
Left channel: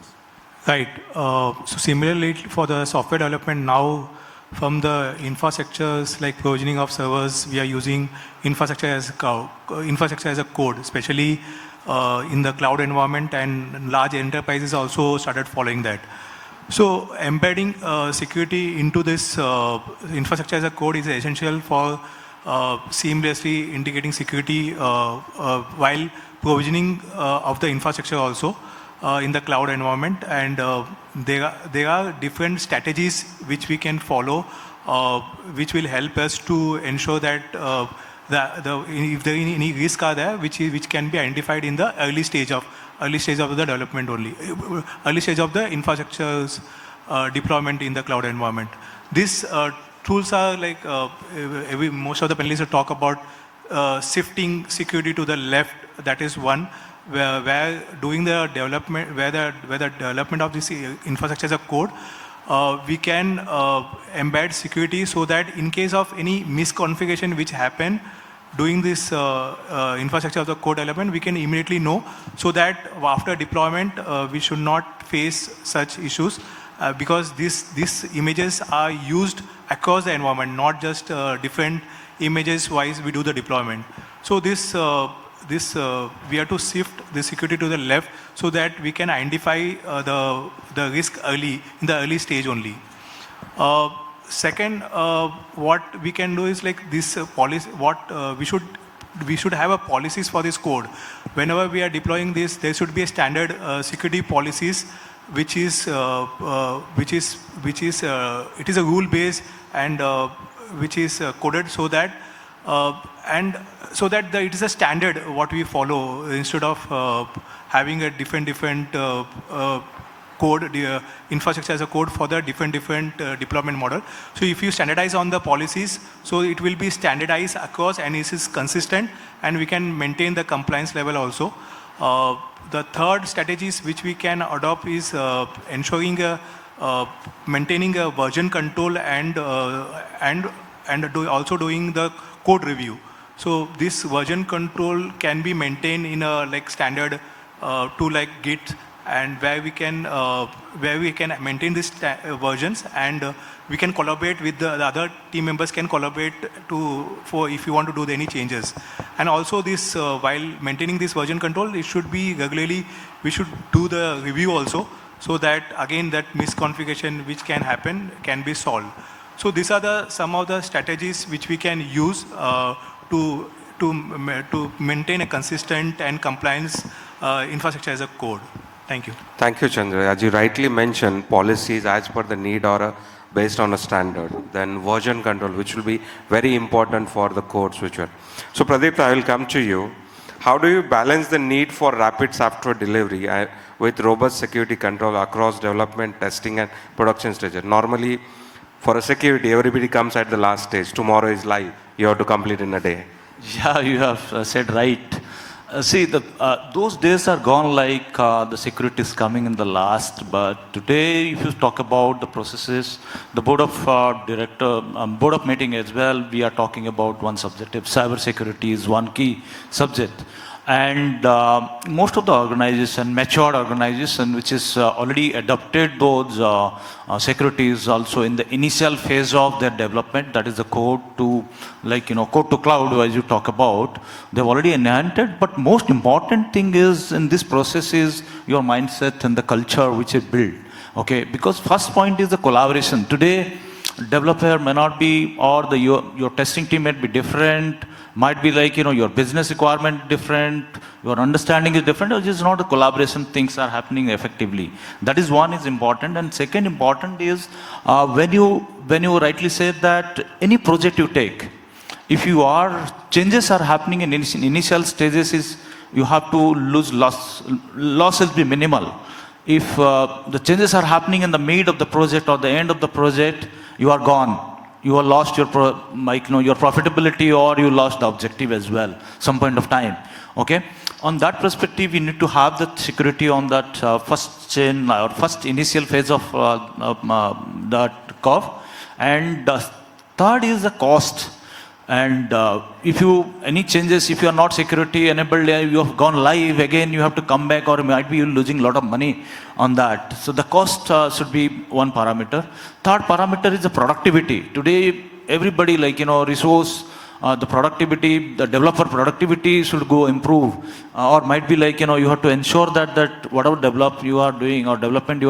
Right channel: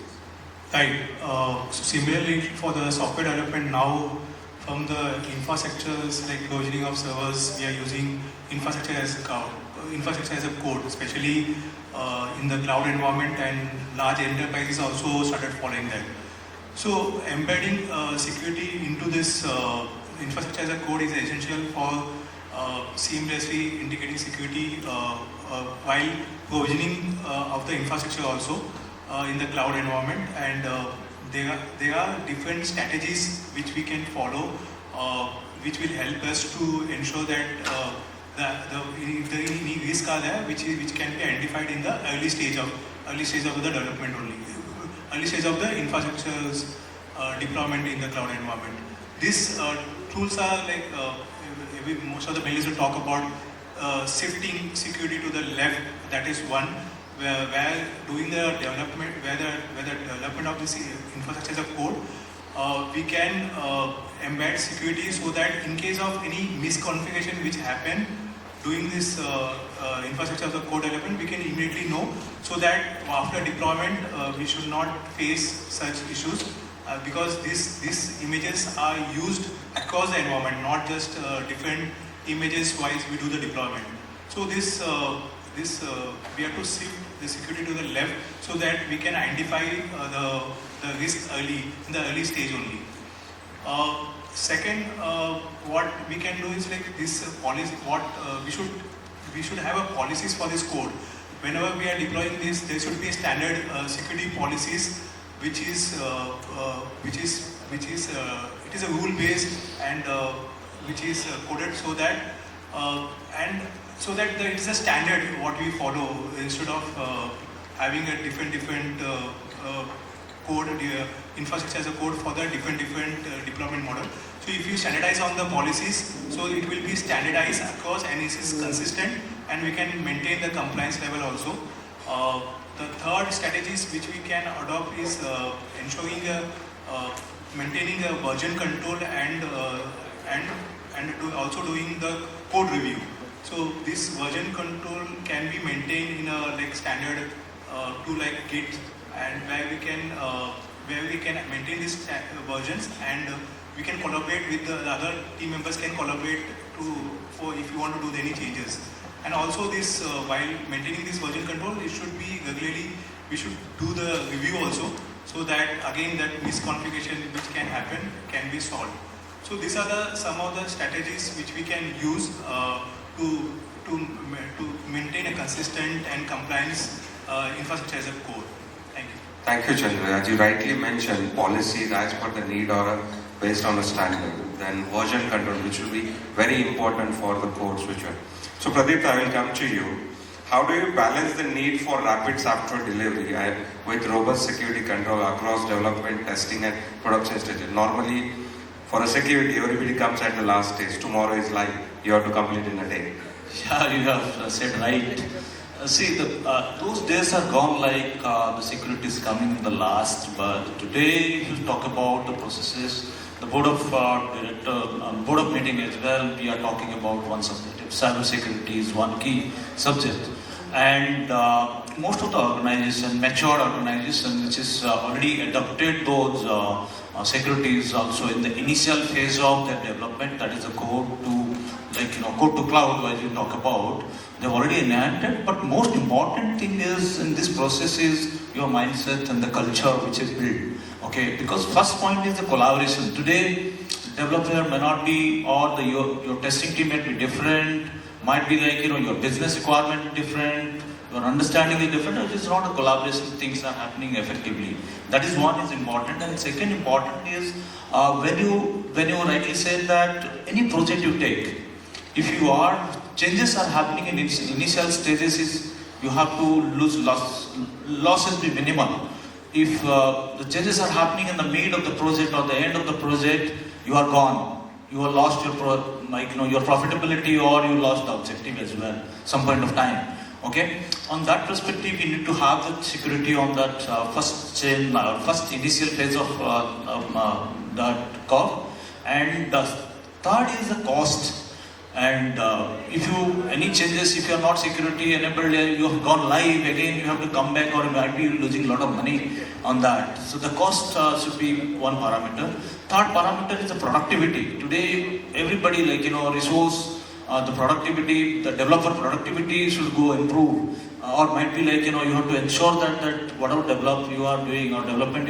Right. So similarly for the software development now, from the infrastructures like provisioning of servers, we are using infrastructure as a code, especially in the cloud environment, and large enterprises also started following that. So embedding security into this infrastructure as a code is essential for seamlessly integrating security while provisioning of the infrastructure also in the cloud environment. And there are different strategies which we can follow, which will help us to ensure that if there is any risk are there, which can be identified in the early stage of the development only, early stage of the infrastructure's deployment in the cloud environment. These tools are like most of the panelists will talk about shifting security to the left. That is one where doing the development, where the development of this infrastructure as a code, we can embed security so that in case of any misconfiguration which happen doing this infrastructure of the code development, we can immediately know, so that after deployment we should not face such issues, because these images are used across the environment, not just different images wise we do the deployment. So we have to shift the security to the left so that we can identify the risk early, in the early stage only. Second, what we can do is like this policy. We should have a policies for this code. Whenever we are deploying this, there should be a standard security policies, which is it is a rule based and which is coded so that it is a standard what we follow, instead of having a different code, infrastructure as a code for the different deployment model. So if you standardize on the policies, so it will be standardized across and it is consistent, and we can maintain the compliance level also. The third strategies which we can adopt is ensuring maintaining a version control and also doing the code review. So this version control can be maintained in a like standard tool like Git, and where we can maintain these versions, and we can collaborate with the other team members, can collaborate for if you want to do any changes. And also this while maintaining this version control, it should be regularly, we should do the review also, so that again that misconfiguration which can happen can be solved. So these are some of the strategies which we can use to maintain a consistent and compliance infrastructure as a code. Thank you. Thank you, Chandra. As you rightly mentioned, policies as per the need or based on a standard. Then version control, which will be very important for the code switcher. So Pradipta, I will come to you. How do you balance the need for rapid software delivery with robust security control across development, testing and production stages? Normally, for a security, everybody comes at the last stage. Tomorrow is live. You have to complete in a day. Yeah, you have said right. See, those days are gone, like the security is coming in the last. But today, if you talk about the processes, the board of board of meeting as well, we are talking about one subject. Cyber security is one key subject. And most of the organization, mature organization, which is already adopted those securities also in the initial phase of their development, that is the code to, code to cloud, as you talk about, they've already enhanced it. But most important thing is in this process is your mindset and the culture which is built. Okay, because first point is the collaboration. Today, developer may not be, or your testing team might be different. Might be your business requirement different, your understanding is different, or just not the collaboration things are happening effectively. That is one is important. And second important is when you rightly said that any project you take, if changes are happening in initial stages, is you have to loss will be minimal. If the changes are happening in the mid of the project or the end of the project, you are gone. You have lost your profitability, or you lost the objective as well, some point of time. Okay. On that perspective, we need to have the security on that first initial phase of that curve. And third is the cost. And if any changes, if you are not security enabled, you have gone live again, you have to come back, or might be losing a lot of money on that. So the cost should be one parameter. Third parameter is the productivity. Today, everybody resource, the productivity, the developer productivity should go improve. Or might be you have to ensure that whatever development you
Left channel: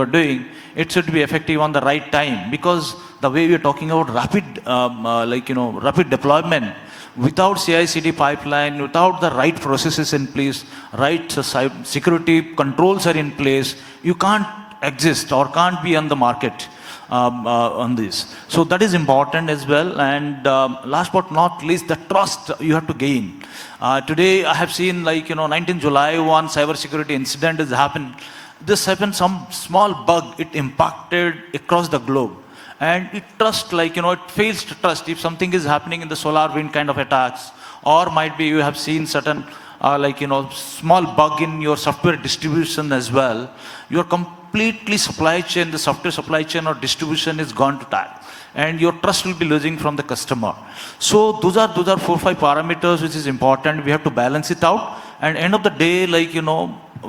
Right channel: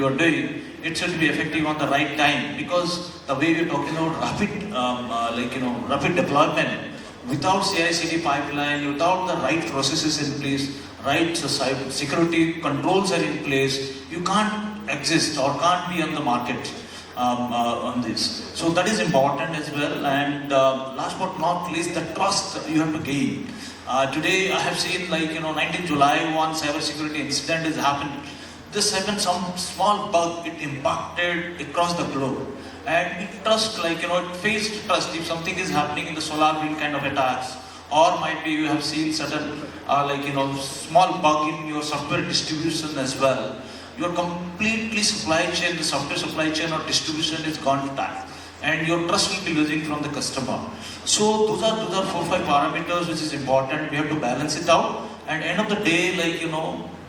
are doing, it should be effective on the right time. Because the way you are talking about rapid deployment, without CI/CD pipeline, without the right processes in place, right security controls are in place, you can't exist or can't be on the market on this. So that is important as well. And last but not least, the trust you have to gain. Today I have seen 19 July one cyber security incident has happened. This happened, some small bug, it impacted across the globe. And it trust, it fails to trust if something is happening in the solar wind kind of attacks, or might be you have seen certain, small bug in your software distribution as well. Your completely supply chain, the software supply chain or distribution is gone to die. And your trust will be losing from the customer. So those are 4-5 parameters which is important. We have to balance it out. And end of the day,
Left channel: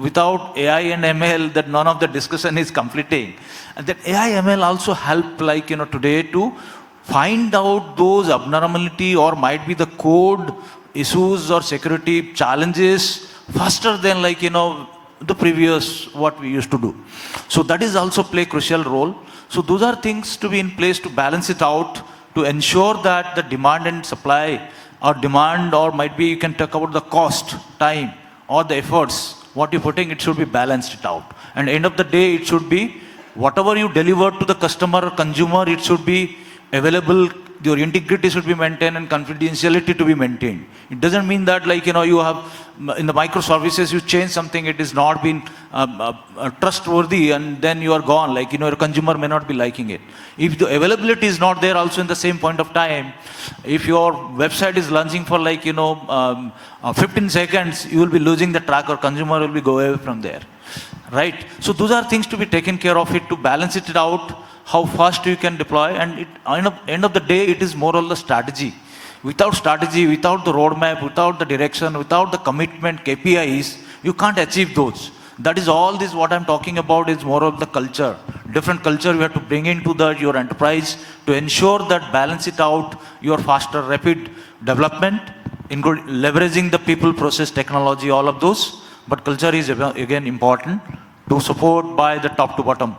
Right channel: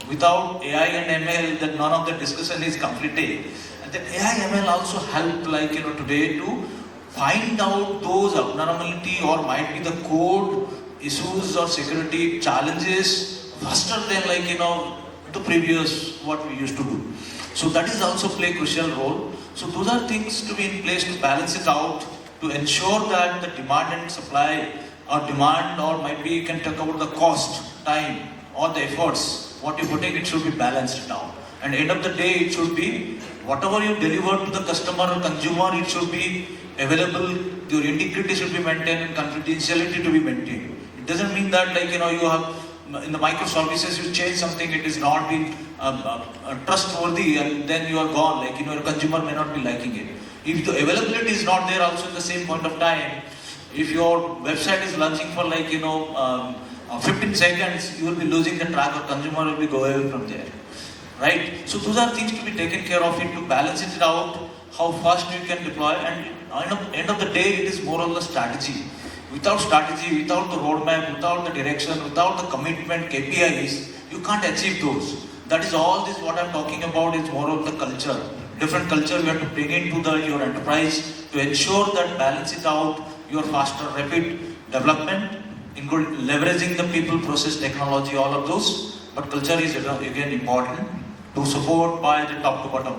without AI and ML, that none of the discussion is completed. And that AI ML also help today to find out those abnormality or might be the code issues or security challenges faster than the previous what we used to do. So that is also play crucial role. So those are things to be in place to balance it out, to ensure that the demand and supply or demand, or might be you can talk about the cost, time or the efforts, what you're putting, it should be balanced out. And end of the day, it should be whatever you deliver to the customer or consumer, it should be available, your integrity should be maintained and confidentiality to be maintained. It doesn't mean that you have in the microservices you change something, it is not been trustworthy and then you are gone, your consumer may not be liking it. If the availability is not there also in the same point of time, if your website is launching for 15 seconds, you will be losing the track or consumer will be go away from there. Right? So those are things to be taken care of it, to balance it out, how fast you can deploy, and end of the day, it is more of the strategy. Without strategy, without the roadmap, without the direction, without the commitment, KPIs, you can't achieve those. That is all this what I'm talking about is more of the culture. Different culture you have to bring into your enterprise to ensure that balance it out, your faster, rapid development, including leveraging the people, process, technology, all of those. But culture is again important to support by the top to bottom.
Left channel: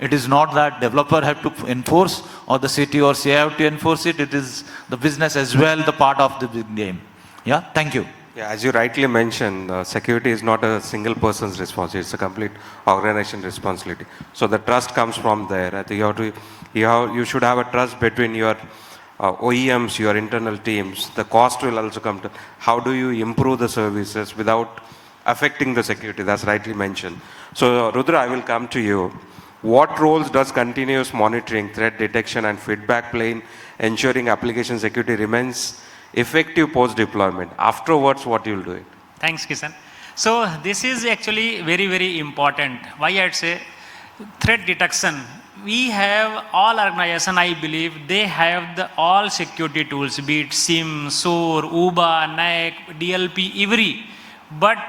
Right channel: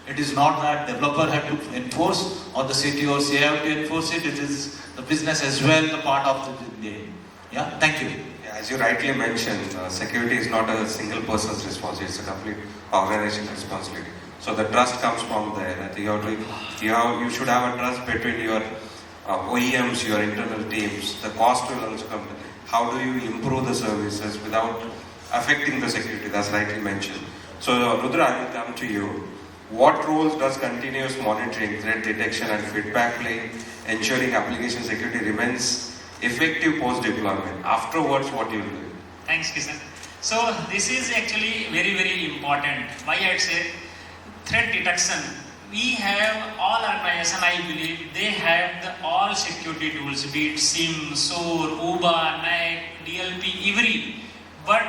It is not that developer have to enforce or the city or CI have to enforce it. It is the business as well, the part of the game. Yeah, thank you. Yeah, as you rightly mentioned, security is not a single person's responsibility; it's a complete organization responsibility. So the trust comes from there. I think you should have a trust between your OEMs, your internal teams. The cost will also come to how do you improve the services without affecting the security. That's rightly mentioned. So Rudra, I will come to you. What roles does continuous monitoring, threat detection, and feedback play in ensuring application security remains effective post-deployment? Afterwards, what you will do? Thanks, Kishan. So this is actually very, very important. Why I'd say threat detection. We have all organization, I believe, they have all security tools, be it SIM, SOAR, UBA, NAC, DLP, every. But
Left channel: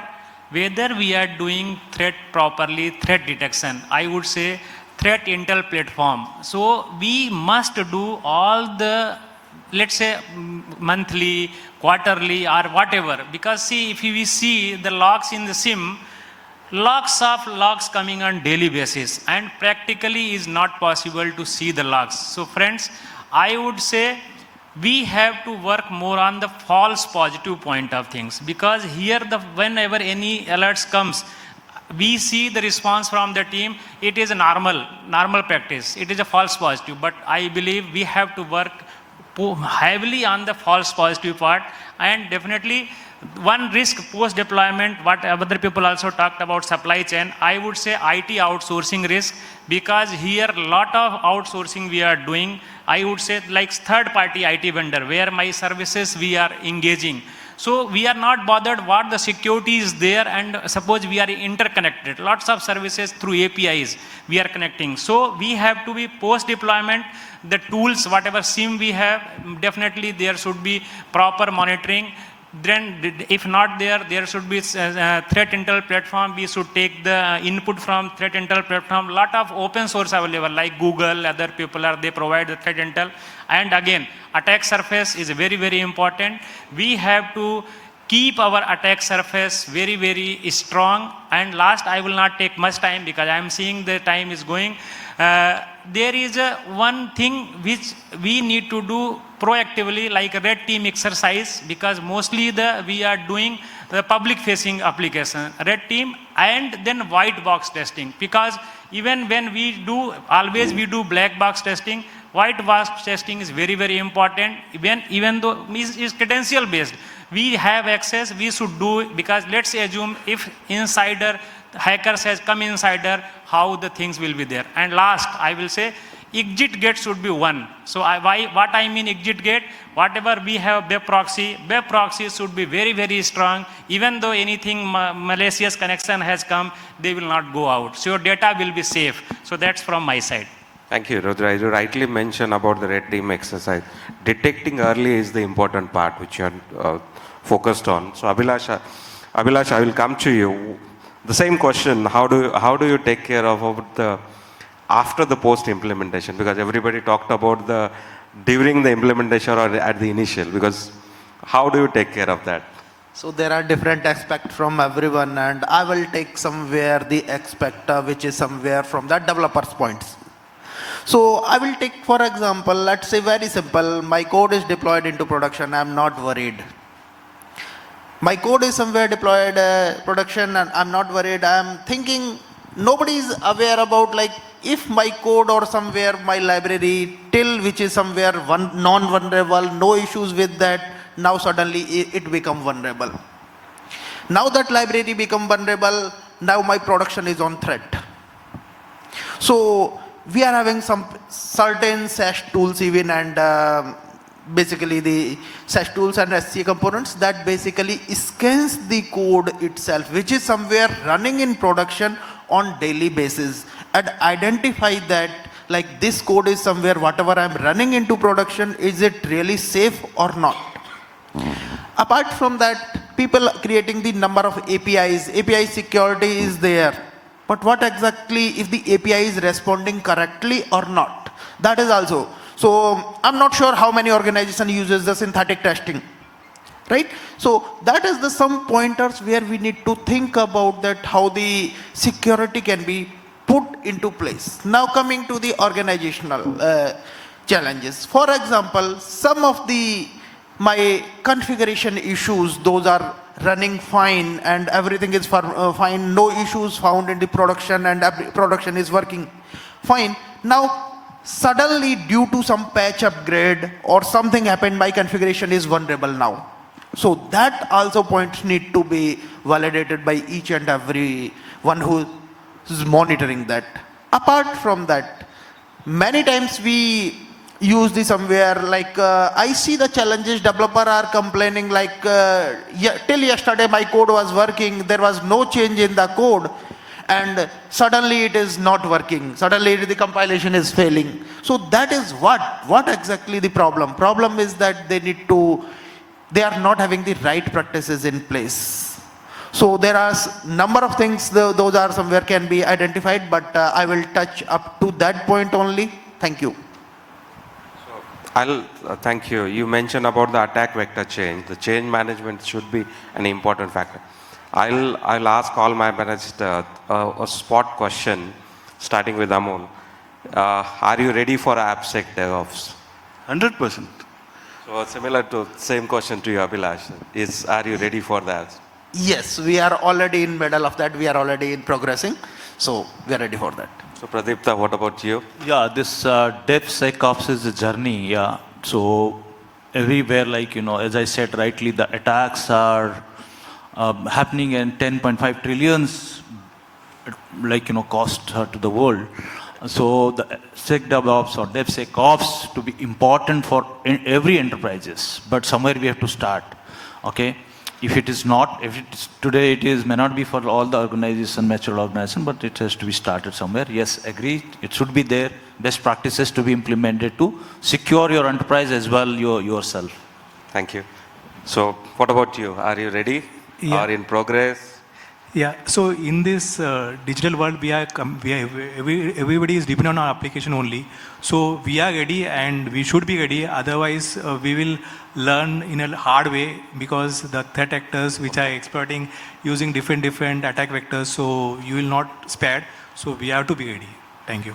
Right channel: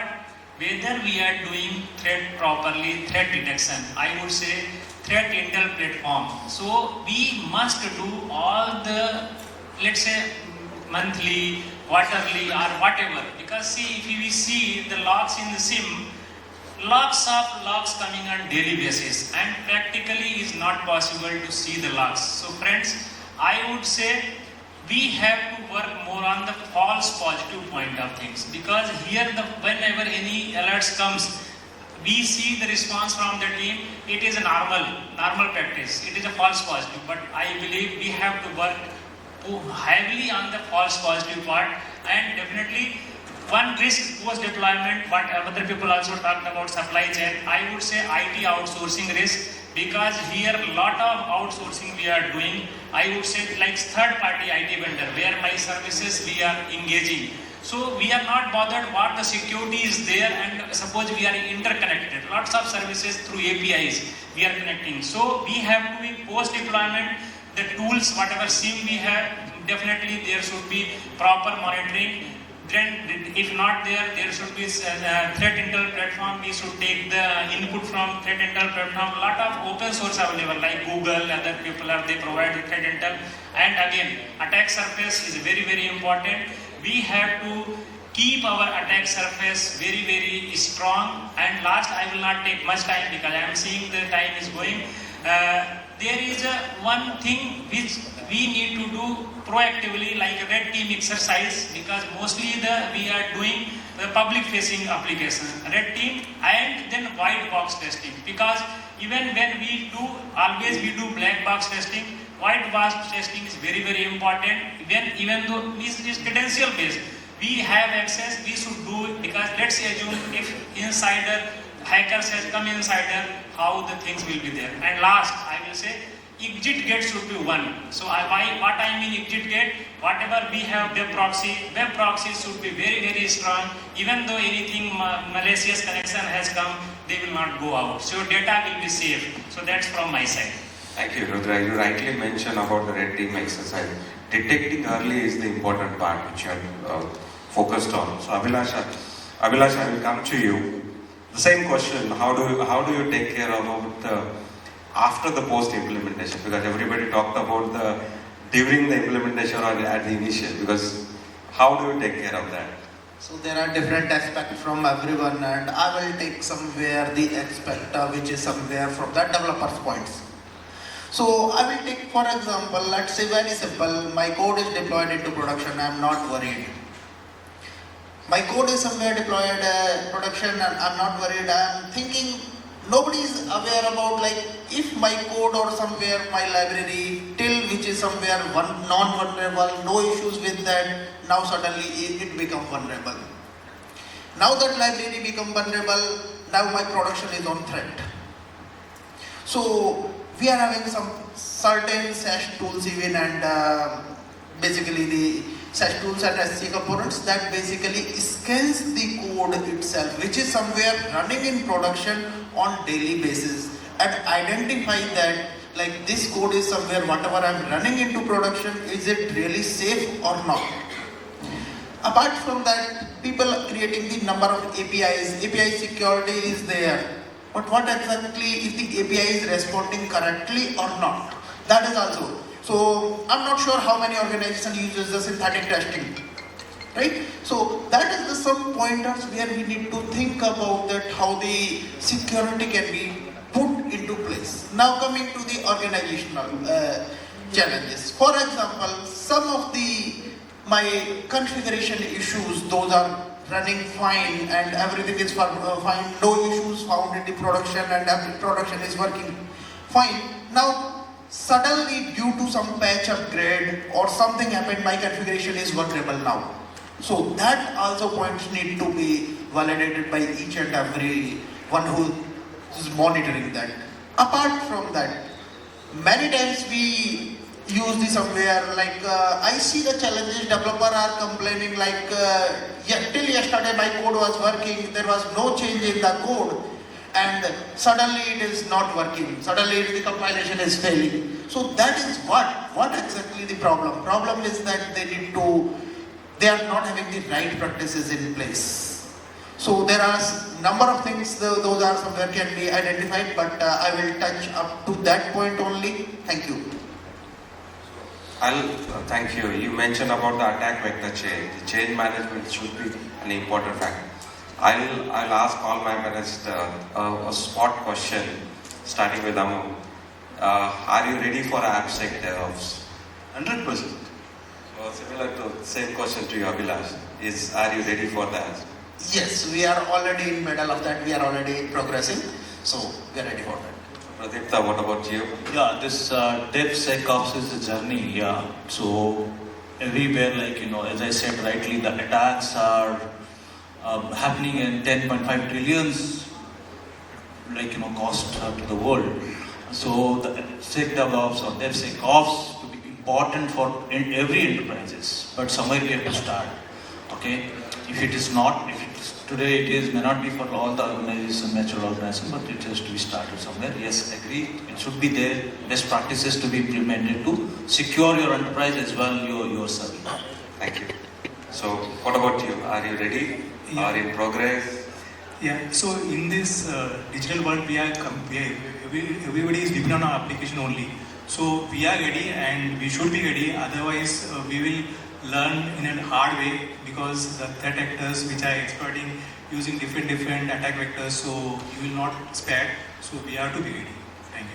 whether we are doing threat properly, threat detection, I would say threat intel platform. So we must do all the, let's say, monthly, quarterly or whatever. Because see, if we see the logs in the SIM, lots of logs coming on daily basis and practically is not possible to see the logs. So friends, I would say we have to work more on the false positive point of things, because here whenever any alerts comes, we see the response from the team, it is a normal practice, it is a false positive, but I believe we have to work heavily on the false positive part. And definitely one risk post deployment, what other people also talked about, supply chain, I would say IT outsourcing risk, because here a lot of outsourcing we are doing, I would say like third party IT vendor where my services we are engaging. So we are not bothered what the security is there, and suppose we are interconnected, lots of services through APIs we are connecting. So we have to be post deployment, the tools, whatever SIM we have, definitely there should be proper monitoring. Then if not there should be threat intel platform. We should take the input from threat intel platform. Lot of open source available like Google, other people they provide the threat intel. And again, attack surface is very, very important. We have to keep our attack surface very, very strong. And last, I will not take much time because I am seeing the time is going. there is one thing which we need to do proactively, like a red team exercise, because mostly we are doing the public facing application, red team and then white box testing, because even when we do black box testing, white box testing is very, very important. Even though it's credential based, we have access, we should do it, because let's assume if hackers has come insider, how the things will be there. And last, I will say, exit gate should be one. So what I mean exit gate, whatever we have web proxy should be very, very strong. Even though anything malicious connection has come, they will not go out. So your data will be safe. So that's from my side. Thank you, Rudra. You rightly mentioned about the red team exercise. Detecting early is the important part which you are focused on. So Abhilash, I will come to you. The same question: how do you take care of the after the post implementation? Because everybody talked about the during the implementation or at the initial. Because how do you take care of that? So there are different aspects from everyone, and I will take somewhere the aspect which is somewhere from the developer's points. So I will take, for example, let's say very simple, my code is deployed into production, I am not worried. My code is somewhere deployed production and I am not worried. I am thinking nobody is aware about, like, if my code or somewhere my library till which is somewhere non-vulnerable, no issues with that, now suddenly it become vulnerable. Now that library become vulnerable, now my production is on threat. So we are having some certain SASH tools even, and basically the SASH tools and SC components that basically scans the code itself, which is somewhere running in production on daily basis, and identify that, like, this code is somewhere, whatever I am running into production, is it really safe or not? Apart from that, people are creating the number of APIs. API security is there. But what exactly if the API is responding correctly or not? That is also. So I'm not sure how many organization uses the synthetic testing, right? So that is the some pointers where we need to think about that, how the security can be put into place. Now coming to the organizational challenges. For example, some of my configuration issues, those are running fine and everything is fine, no issues found in the production, and production is working fine. Now suddenly, due to some patch upgrade or something happened, my configuration is vulnerable now. So that also points need to be validated by each and every one who is monitoring that. Apart from that, many times we use this somewhere, like I see the challenges, developer are complaining like till yesterday my code was working, there was no change in the code, and suddenly it is not working, suddenly the compilation is failing. So that is what exactly the problem. Problem is that they are not having the right practices in place. So there are number of things, those are somewhere can be identified, but I will touch up to that point only. Thank you. Thank you. You mentioned about the attack vector change. The change management should be an important factor. I'll ask all my panelists a spot question, starting with Amol. Are you ready for AppSec DevOps? 100%. So similar to same question to you, Abhilash. Are you ready for that? Yes, we are already in middle of that. We are already progressing, so we are ready for that. So Pradipta, what about you? Yeah, this DevSecOps is a journey. Yeah, so everywhere, like, as I said rightly, the attacks are happening in 10.5 trillions, cost to the world. So the SecDevOps or DevSecOps to be important for every enterprises, but somewhere we have to start. Okay, if it is not, today it is may not be for all the organization, mature organization, but it has to be started somewhere. Yes, agree. It should be there. Best practices to be implemented to secure your enterprise as well yourself. Thank you. So what about you? Are you ready? Yeah. Are in progress? Yeah, so in this digital world, everybody is dependent on our application only. So we are ready and we should be ready. Otherwise, we will learn in a hard way, because the threat actors which are exploiting using different attack vectors, so you will not spare. So we have to be ready. Thank you.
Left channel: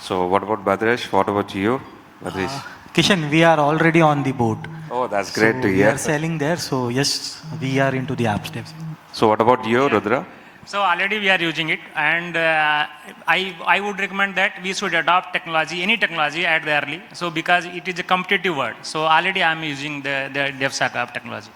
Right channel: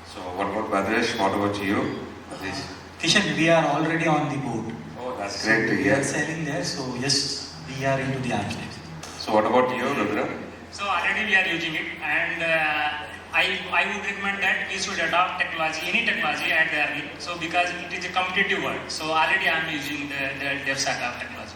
So what about Badrish? What about you, Badrish? Kishan, we are already on the boat. Oh, that's great to We are hear. selling there, so yes, we are into the app space. So what about you, Rudra? So already we are using it, and I would recommend that we should adopt technology, any technology at the early. So because it is a competitive world, so already I am using the DevSecOps technology.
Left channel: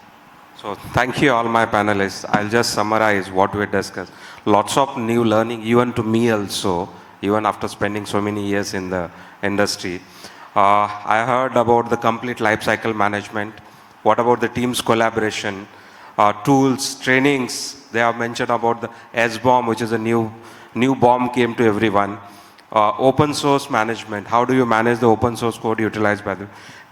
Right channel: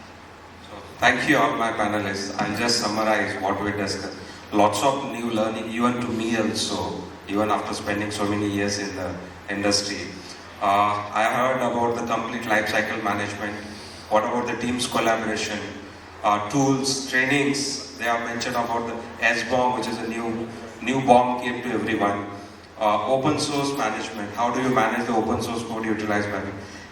So thank you all my panelists. I'll just summarize what we discussed. Lots of new learning, even to me also, even after spending so many years in the industry. I heard about the complete lifecycle management. What about the team's collaboration, tools, trainings? They have mentioned about the S-bomb, which is a new bomb came to everyone. Open source management. How do you manage the open source code utilized by the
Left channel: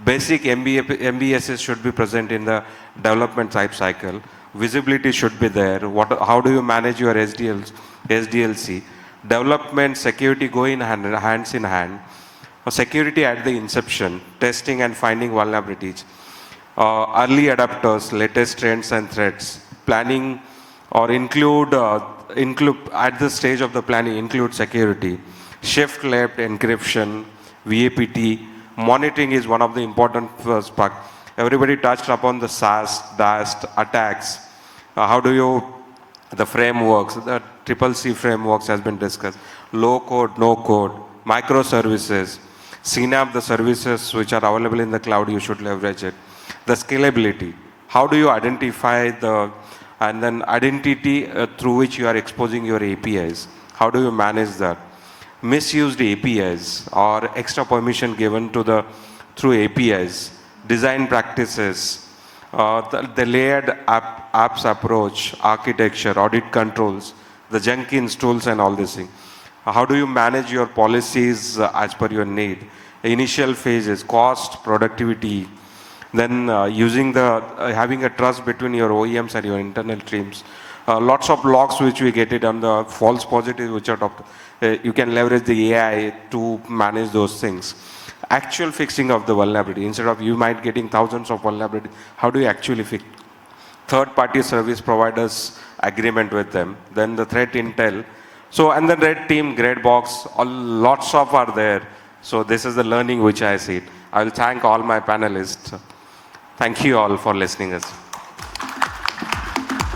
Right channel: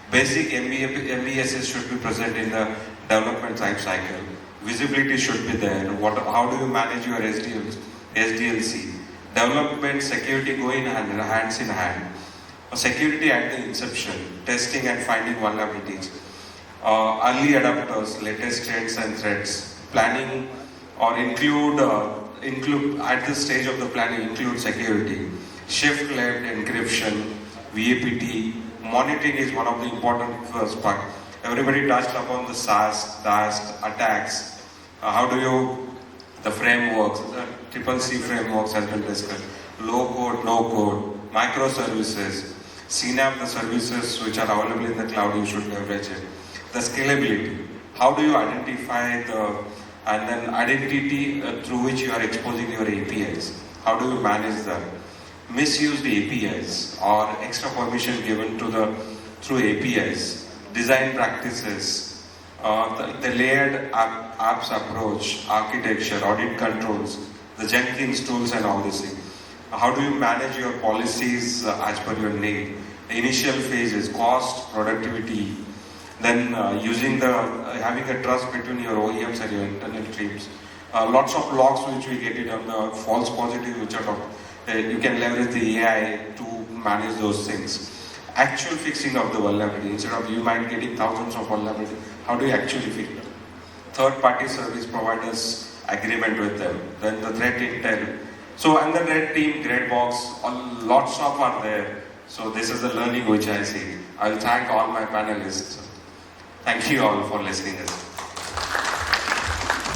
basic MBSs should be present in the development life cycle. Visibility should be there. How do you manage your SDLC? Development, security go in hands in hand. Security at the inception, testing and finding vulnerabilities. Early adapters, latest trends and threats. Planning or include at the stage of the planning, include security. Shift left encryption, VAPT. Monitoring is one of the important first part. Everybody touched upon the SAST, DAST, attacks. How do you, the frameworks, the CCC frameworks has been discussed. Low code, no code, microservices, CNAP, the services which are available in the cloud, you should leverage it. The scalability. How do you identify and then identity through which you are exposing your APIs? How do you manage that? Misused APIs or extra permission given through APIs, design practices, the layered apps approach, architecture, audit controls, the Jenkins tools and all this. How do you manage your policies as per your need? Initial phases, cost, productivity, then having a trust between your OEMs and your internal teams. Lots of logs which we get it on the false positives which are talked. You can leverage the AI to manage those things. Actual fixing of the vulnerability. Instead of you might getting thousands of vulnerability, how do you actually fix it? Third-party service providers agreement with them. Then the threat intel. So and the red team, grade box, lots of are there. So this is the learning which I see. I will thank all my panelists. Thank you all for listening.